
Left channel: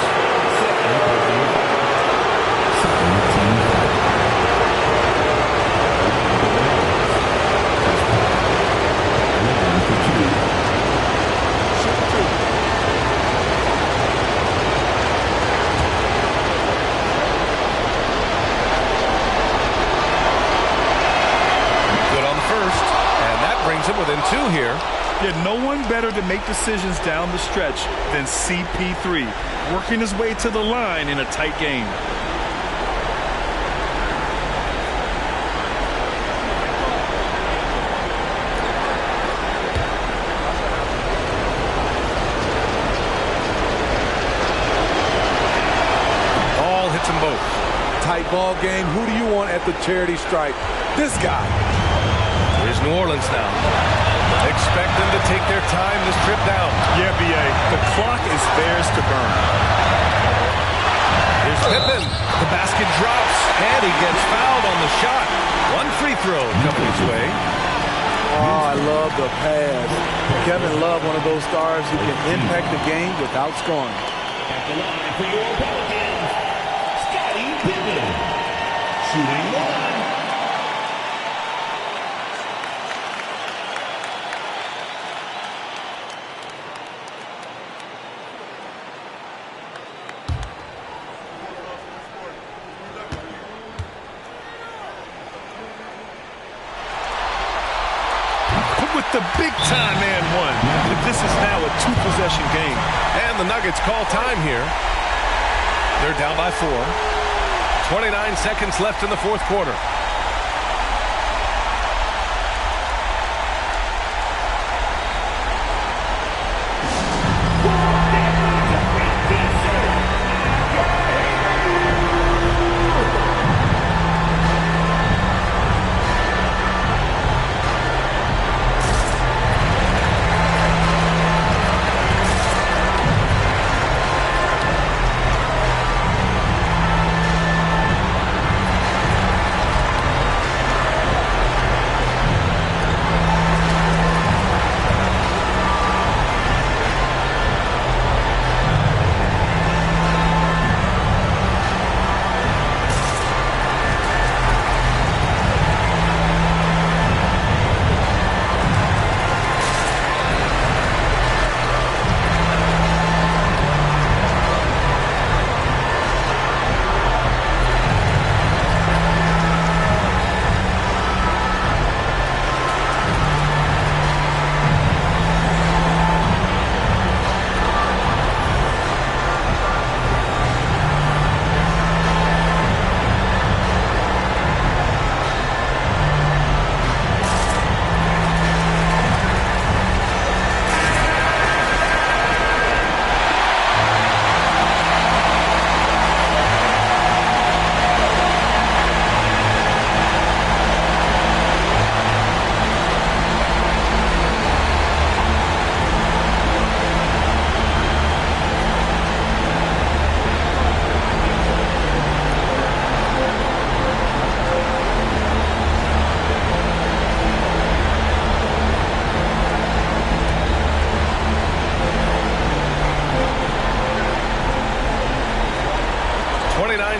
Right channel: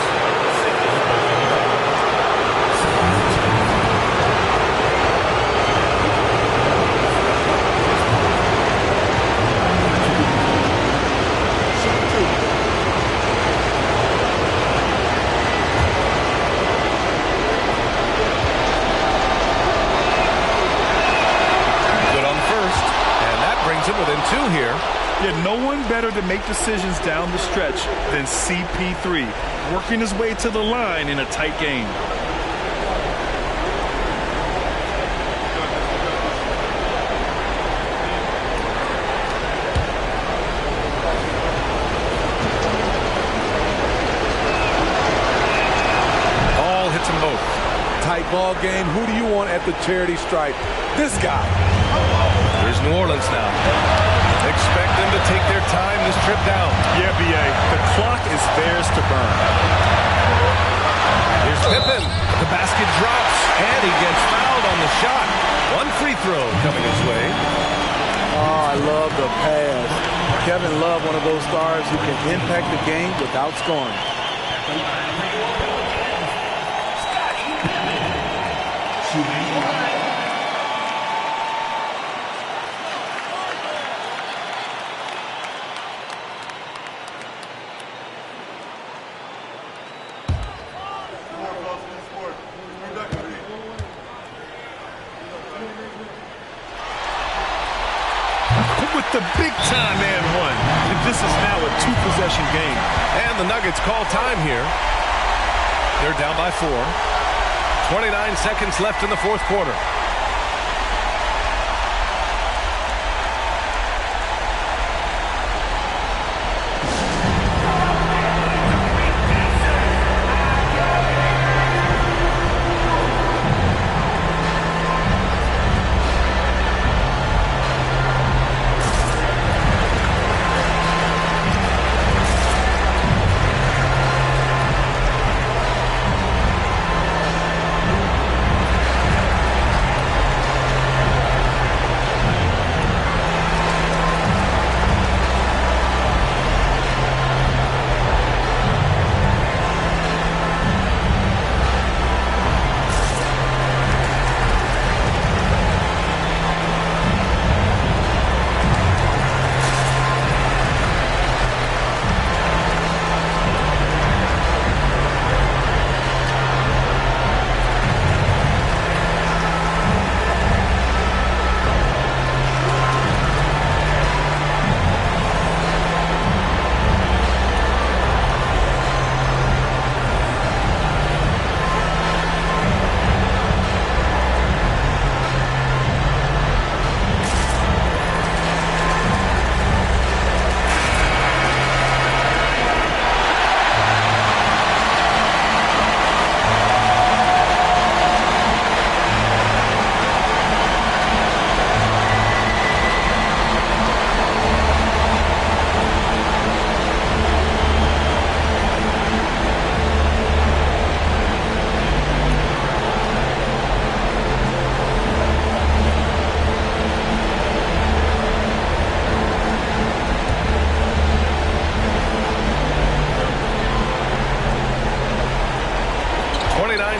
Brings him within 2 here. Yeah, no one better to make decisions down the stretch than CP3, working his way to the line in a tight game. Ball hits them both. Tight ball game. Who do you want at the charity stripe? This guy. Here's New Orleans now. Expect them to take their time this trip down. Yeah, B.A. The clock is theirs to burn. Here's Pippen. The basket drops, and he gets fouled on the shot. 1 free throw coming his way. Oh, I love the pass. Kevin Love, one of those stars who can impact the game without scoring. At the line for your Pelicans, Scottie Pippen. Shooting one. With the big-time and one. This is now a 2-possession game. And the Nuggets call time here. They're down by 4. 29 seconds left in the fourth quarter.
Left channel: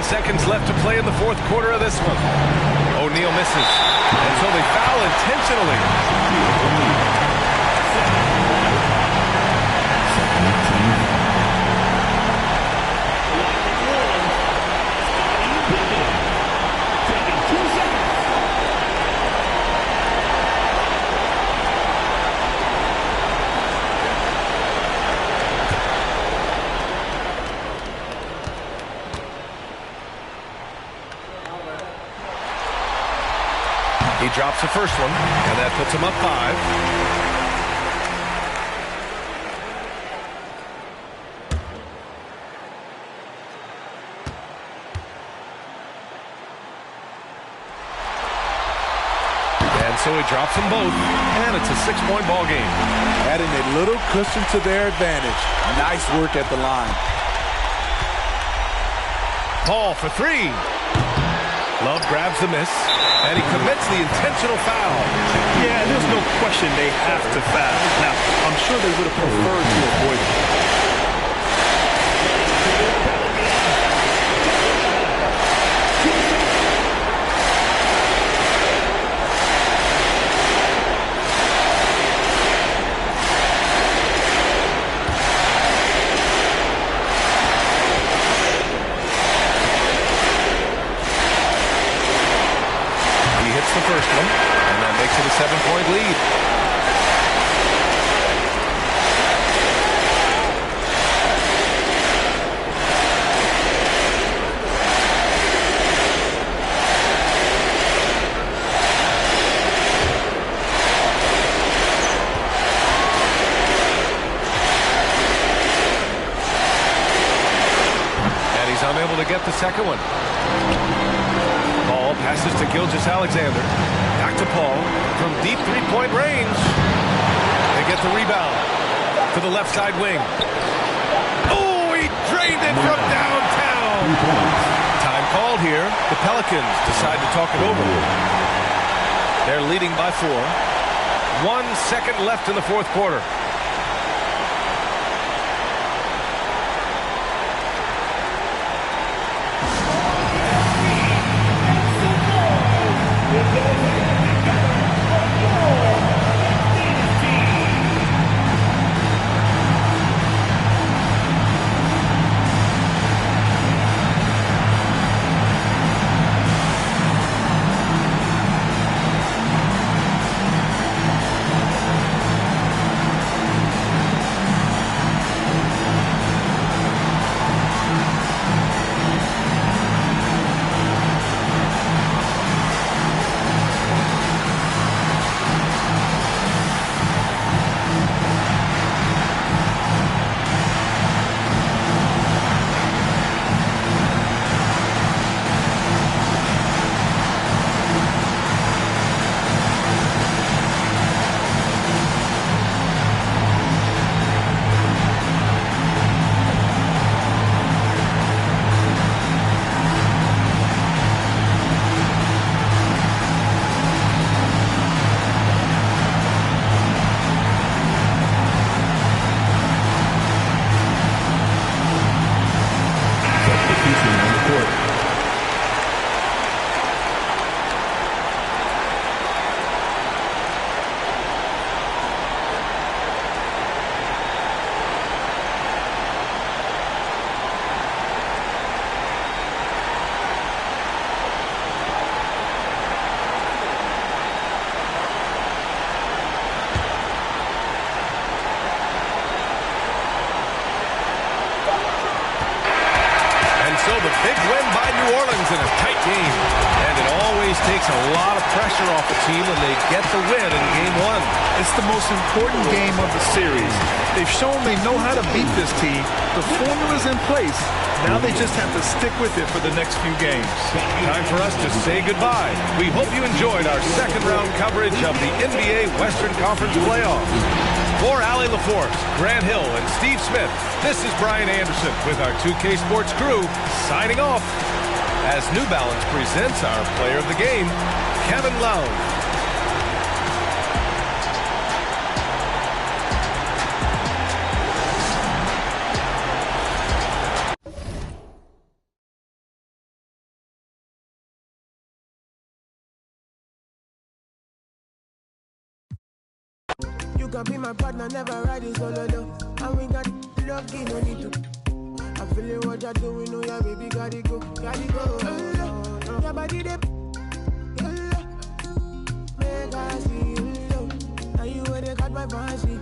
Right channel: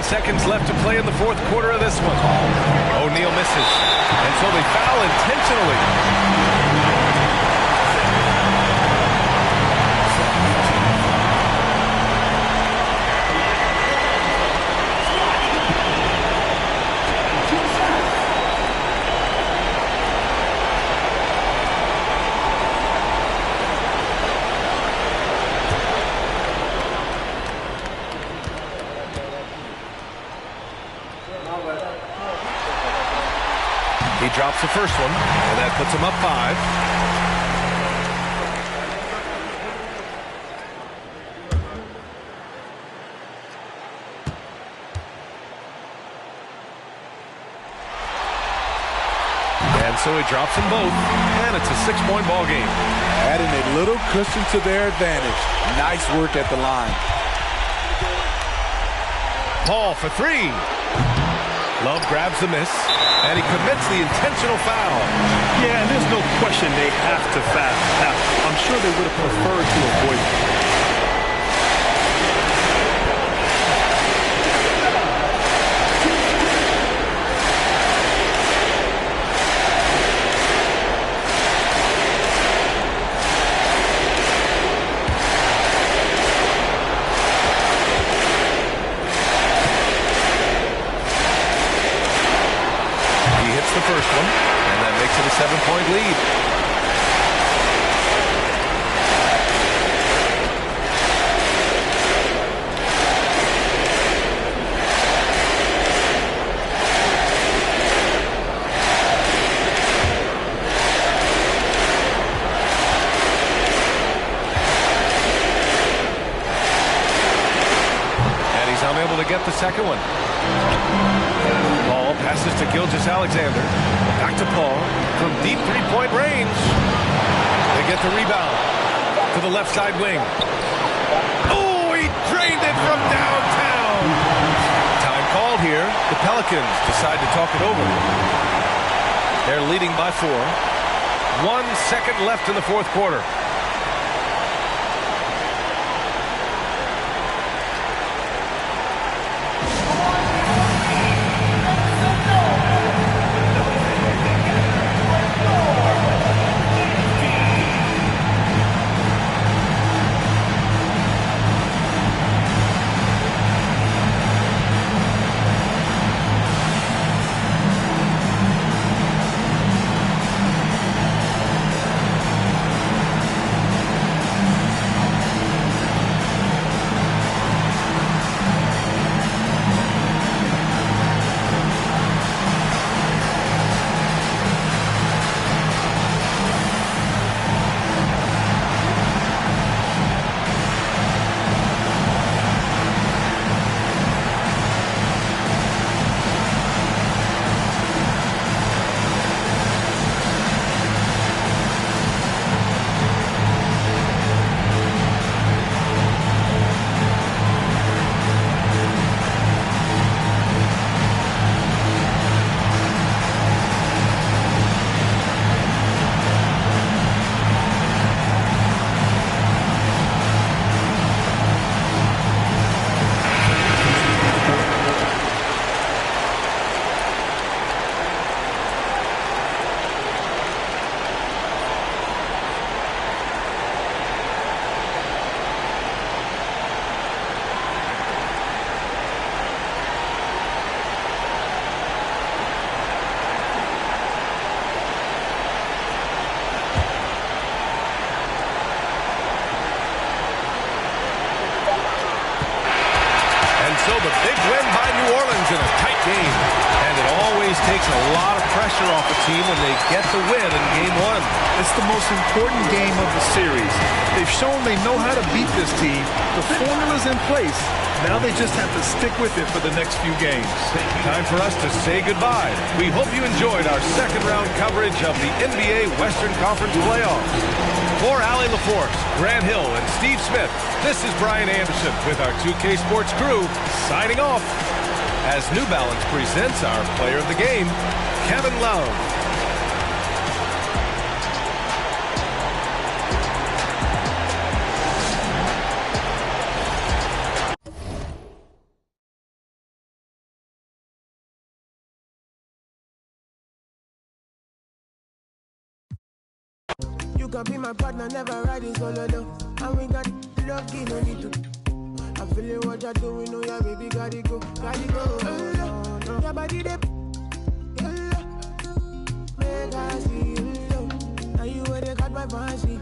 seconds left to play in the fourth quarter of this one. O'Neal misses, and so they foul intentionally. He drops the first one, and that puts him up 5. And so he drops them both, and it's a 6-point ball game. Adding a little cushion to their advantage. Nice work at the line. Paul for 3. Love grabs the miss, and he commits the intentional foul. Yeah, and there's no question they have to foul. Now, I'm sure they would have preferred to avoid it. The first one, and that makes it a 7-point lead. And he's unable to get the second one. Paul passes to Gilgeous-Alexander. Back to Paul from deep three-point range. They get the rebound to the left side wing. Oh, he drained it from downtown. Time called here. The Pelicans decide to talk it over. They're leading by 4. 1 second left in the fourth quarter. So the big win by New Orleans in a tight game. And it always takes a lot of pressure off a team when they get the win in game 1. It's the most important game of the series. They've shown they know how to beat this team. The formula's in place. Now they just have to stick with it for the next few games. Time for us to say goodbye. We hope you enjoyed our second round coverage of the NBA Western Conference playoffs. For Allie LaForce, Grant Hill, and Steve Smith, this is Brian Anderson with our 2K Sports crew signing off as New Balance presents our player of the game, Kevin Love. you can be my partner, never riding solo though. And we got love, no need to. I'm feeling what you're doing, oh yeah, baby, gotta go. Your body, they make I see you. Now you where they got my fancy.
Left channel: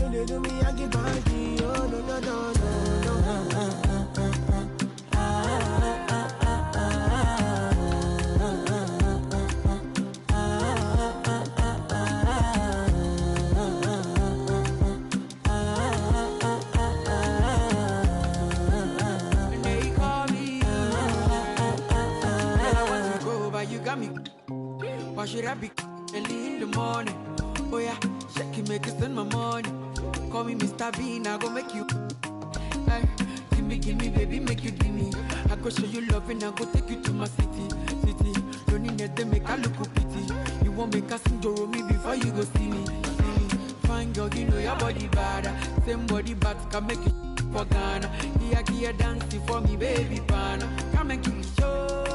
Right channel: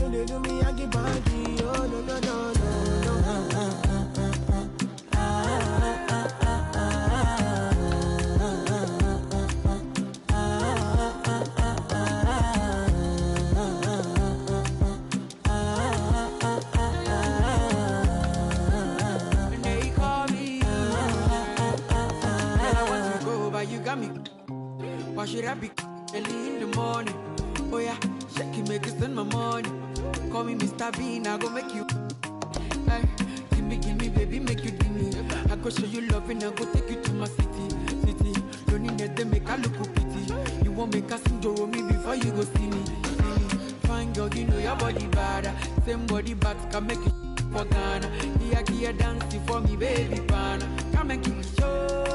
When they do me, I keep panty. Oh, no, no, no, no, no. You got me. Why should I be early in the morning? Oh yeah, shake it, make it spend my money. Call me Mr. Bean, I go make you. Hey, give me, baby, make you give me. I go show you love and I go take you to my city. Don't need that, they make I look pity. You won't make us enjoy me before you go see me. Fine girl, you know your body bad. Same body but can make you for Ghana. Here, dancing for me, baby, pana. Come and give me show.